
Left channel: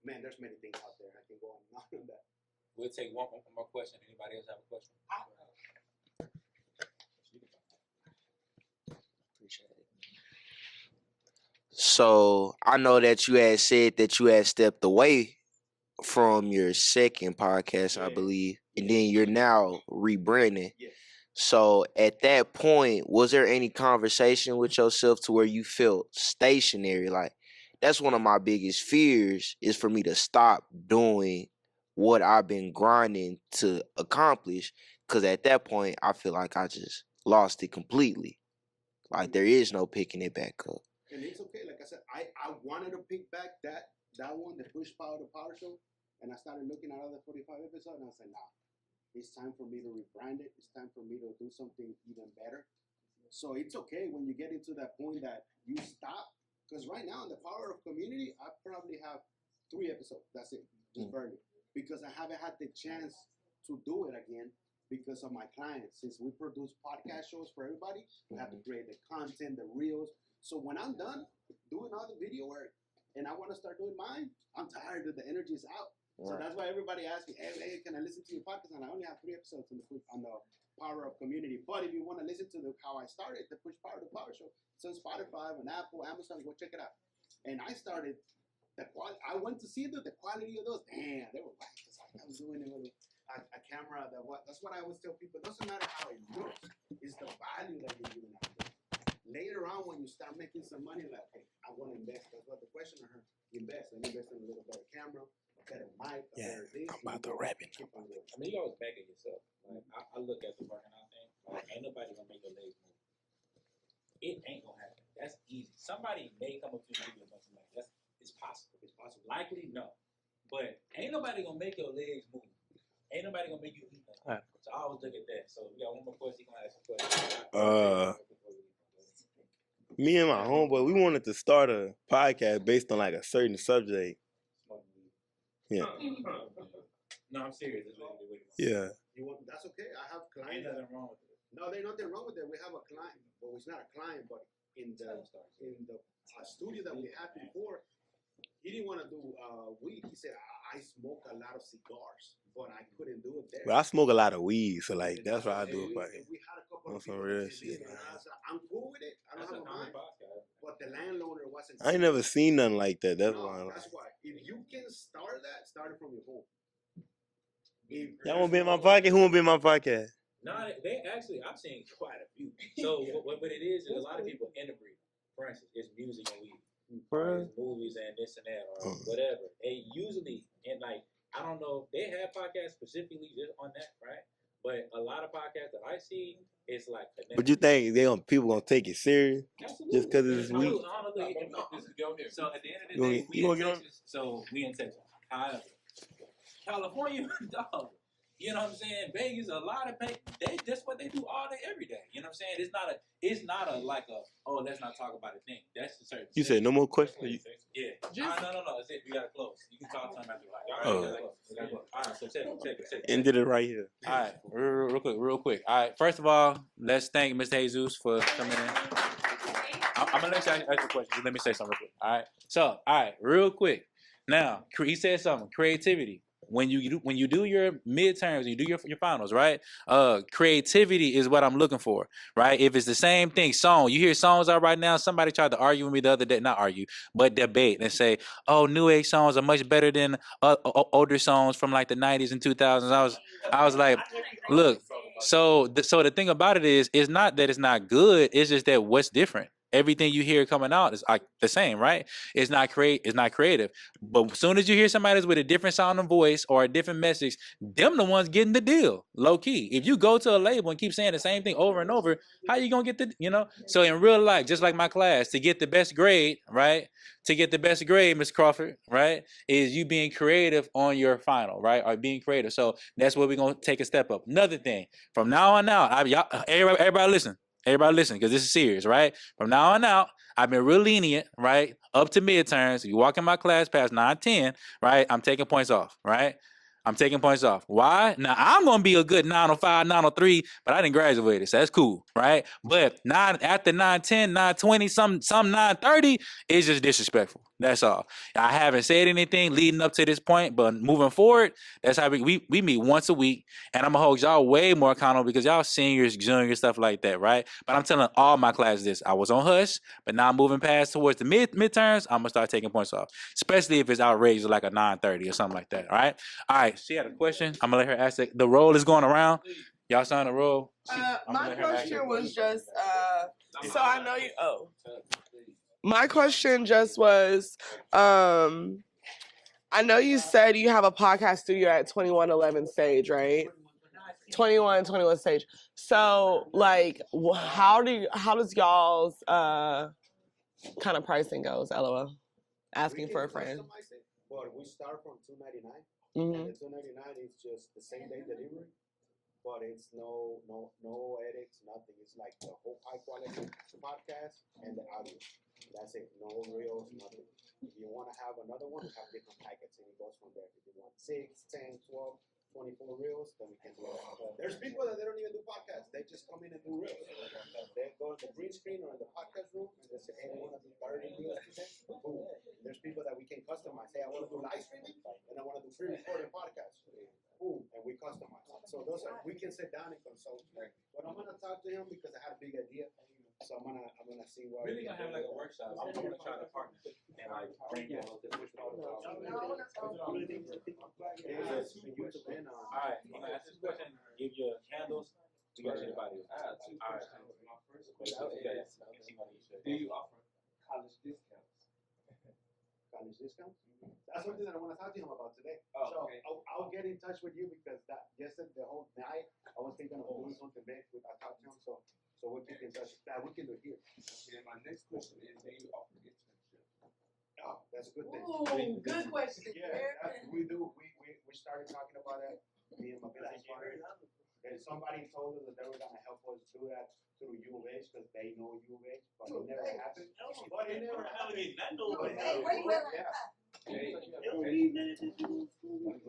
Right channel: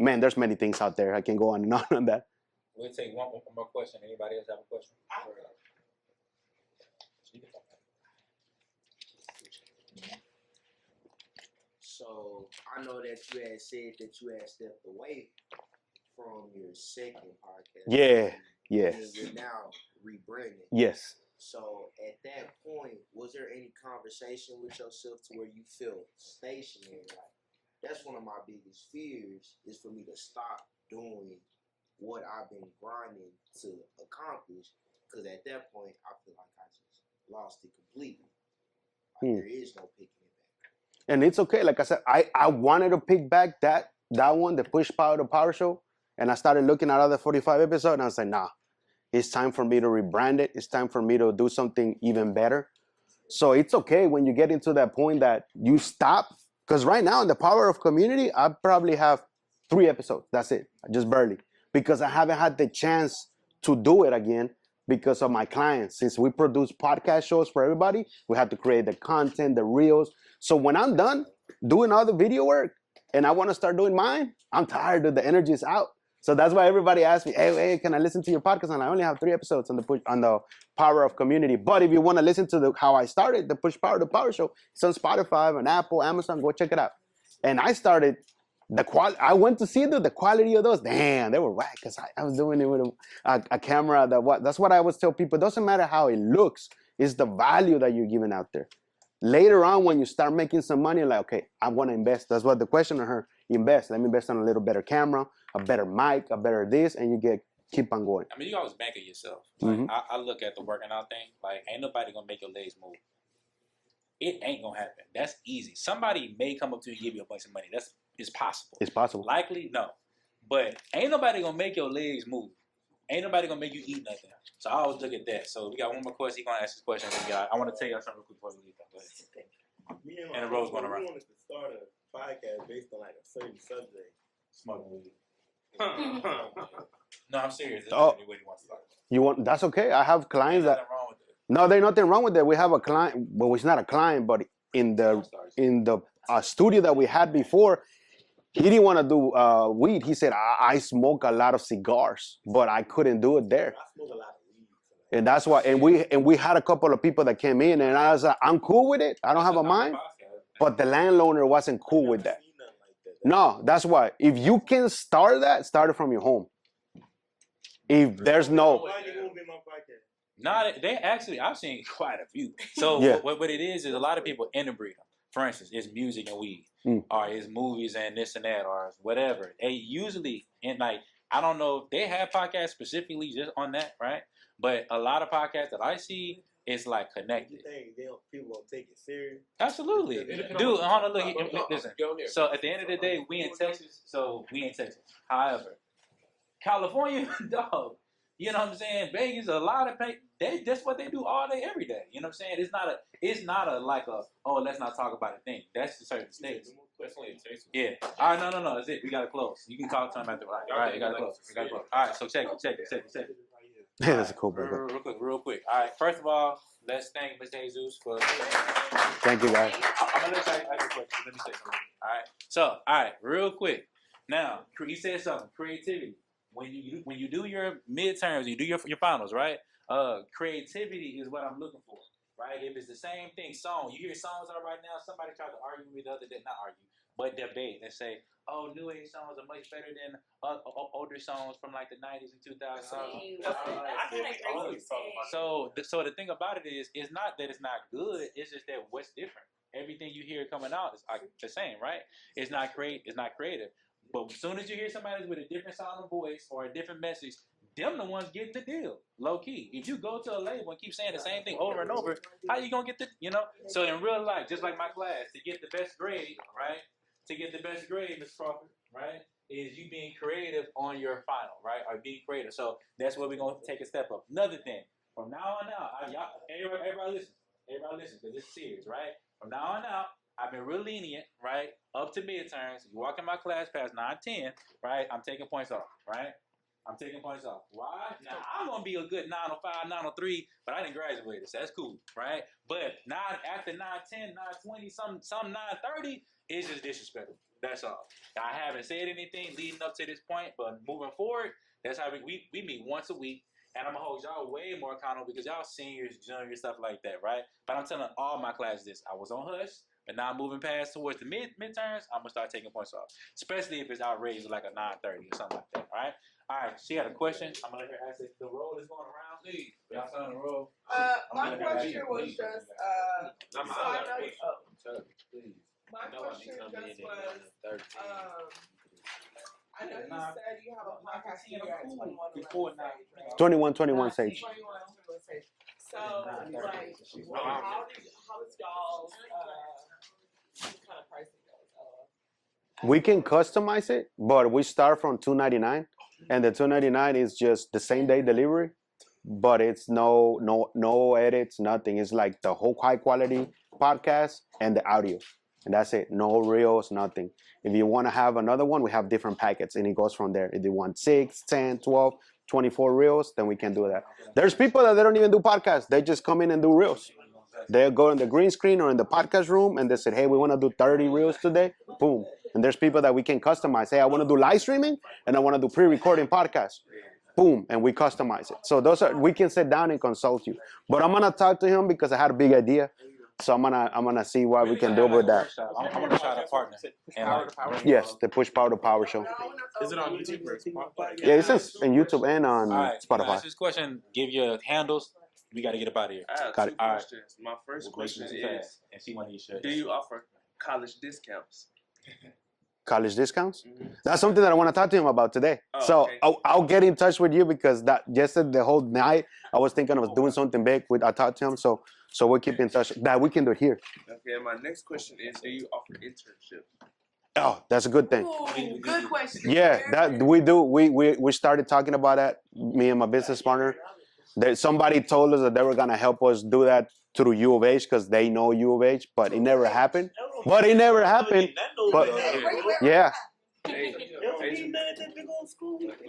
many things out there. I can go on and on that. We'll take one more question. Anybody else have a question? So I know that you had said that you had stepped away from your second podcast, I believe. Yeah. And then you're now rebranding. Yes. So at that point, was there any conversation with yourself to where you felt stationary? Like, that's one of my biggest fears is for me to stop doing what I've been grinding to accomplish. Because at that point, I feel like I just lost it completely. Like, there is no picking it back up. And it's okay. Like I said, I wanted to pick back that one, the Push Power to Power show. And I started looking at other 45 episodes and I was like, nah. It's time for me to rebrand it. It's time for me to do something even better. So it's okay when you get into that point that you stop. Because right now in the Power of Community, I probably have 3 episodes. That's it. Just barely. Because I haven't had the chance to do it again because of my clients. Since we produce podcast shows for everybody, we have to create the content, the reels. So when I'm done doing all the video work and I want to start doing mine, I'm tired of the energy is out. So that's why everybody asks me, hey, can I listen to your podcast? And I only have 3 episodes on the Power of Community. But if you want to listen to how I started the Push Power to Power show, it's on Spotify and Apple, Amazon. Go check it out. And I started I went to see the quality of those. Damn, they were whack because I was doing it with a camera. That's what I always tell people. It doesn't matter how it looks. It's the value that you're giving out there. Later on, when you start making some money, like, okay, I want to invest. That's what the question of her. invest. Let me invest on a little better camera, a better mic, a better this, and you keep on going. I mean, you always bank on yourself. Like, Mhm. I look at the working out thing. Like, ain't nobody gonna make your legs move. It ain't gonna happen. That's easy. Somebody may come up to you and give you a bunch of money. It's possible. It's possible. Likely, no. But ain't nobody gonna make your legs move. Ain't nobody gonna make you eat nothing. So I always look at that. So we got one more question. He gonna ask this question. I want to tell you real quick before we leave. Me and my homeboy, we wanted to start a podcast based on like a certain subject. Smoking weed. Yeah. No, I'm serious. Oh, yeah. You want? That's okay. I have clients There's that. nothing wrong with it. No, there's nothing wrong with that. We have a client. Well, it's not a client, but in the studio that we had before, he didn't want to do weed. He said, I smoke a lot of cigars, but I couldn't do it there. Bro, I smoke a lot of weed, so like. And that's why. And we had a couple of people that came in, and I was like, I'm cool with it. I don't have a mind. But the landowner wasn't cool I ain't never with that. seen nothing like that. That's why. If you can start that, start it from your home. If there's who no won't be in my podcast? Nah, they actually, I've seen quite a few. So Yeah. what it is a lot of people interbreed them. For instance, it's music and weed, or it's movies and this and that, or whatever. They usually, and like, I don't know if they have podcasts specifically just on that, right? But a lot of podcasts that I see, it's like connected. But you think people gonna take it serious? Absolutely. Just 'cause it's Dude, hold on, look, listen. So at the end of the day, we in Texas, so we in Texas. However, California, dog, you know what I'm saying? Vegas, a lot of people, that's what they do all day, every day. You know what I'm saying? It's not a like a, oh, let's not talk about it thing. That's a certain You state. said no more questions? Yeah. All right, no. That's it. We gotta close. You can talk to him after. All right, we gotta close. All right, so check it. Ended it right here. That's cool. Real quick. All right. First of all, let's thank Mr. Jesus for coming in. Thank you, guys. I'm gonna let you ask a question. Let me say something real quick. All right. So, all right, real quick. Now, he said something. Creativity. When you do your midterms, you do your finals, right? Creativity is what I'm looking for, right? If it's the same thing, you hear songs out right now. Somebody tried to argue with me the other day, not argue, but debate and say, "Oh, new age songs are much better than older songs from like the 90s and 2000s." I was like, look. So the thing about it is, it's not that it's not good. It's just that what's different. Everything you hear coming out is like the same, right? It's not creative. But as soon as you hear somebody with a different sounding voice or a different message, them the ones getting the deal, low key. If you go to a label and keep saying the same thing over and over, how you gonna get So in real life, just like my class, to get the best grade, right? To get the best grade, Ms. Crawford, right, is you being creative on your final, right, or being creative. So that's where we're gonna take a step up. Another thing, from now on out, everybody listen. Everybody listen, because this is serious, right? From now on out, I've been real lenient, right? Up to midterms. If you walk in my class past 9-10, right? I'm taking points off, right? I'm taking points off. Why? Now, I'm going to be a good 905, 903, but I didn't graduate, so that's cool, right? But after 910, 920, some 930, it's just disrespectful. That's all. I haven't said anything leading up to this point, but moving forward, that's how we meet once a week, and I'm going to hold y'all way more accountable because y'all seniors, juniors, stuff like that, right? But I'm telling all my classes this. I was on hush, but now I'm moving past towards the midterms, I'm going to start taking points off, especially if it's outrageous like a 930 or something like that, all right? All right, she had a question. I'm going to let her ask it. The roll is going around. Y'all sign the roll. My question was just, so I know you, my question just was, I know you said you have a podcast studio at 2111 Stage, right? 21 Stage. 21 Stage. So, like, how does y'all's kind of pricing goes, LOL? We can customize it, but we start from $299, and the $299 is just the same day delivery, but it's no edits, nothing. It's like the whole high quality podcast and the audio, and that's it. No reels, nothing. If you want to have another one, we have different packets, and it goes from there. If you want 6, 10, 12, 24 reels, then we can do that. There's people that they don't even do podcasts. They just come in and do reels. They go in the green screen or in the podcast room, and they said, hey, we want to do 30 reels today. Boom. And there's people that we can customize. Hey, I want to do live streaming, and I want to do pre-recording podcasts. Boom, and we customize it. So we can sit down and consult you. But I'm gonna talk to him because I had a big idea. So I'm gonna see what we can do with that. I'm gonna try to partner. Yes, the Push Power to Power show. Is it on YouTube? Yeah, it's on YouTube and on Spotify. Ask this question. Give your handles. We gotta get up out of here. Got it. All right. My first question is, do you offer college discounts? college discounts. Mhm. That's something that I want to talk to him about today. Oh, So okay. I'll get in touch with you because that yesterday the whole night I was thinking of doing something big. I talked to him, so we'll keep in touch. That we can do it here. Okay, and my next question is, do you offer internships? Oh, that's a good thing. Ooh, good question. Yeah, that we do. We started talking about that. Me and my business partner. That somebody told us that they were gonna help us do that through U of H because they know U of H, but it never happened. But yeah,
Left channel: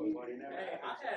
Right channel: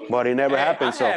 but it never happened. So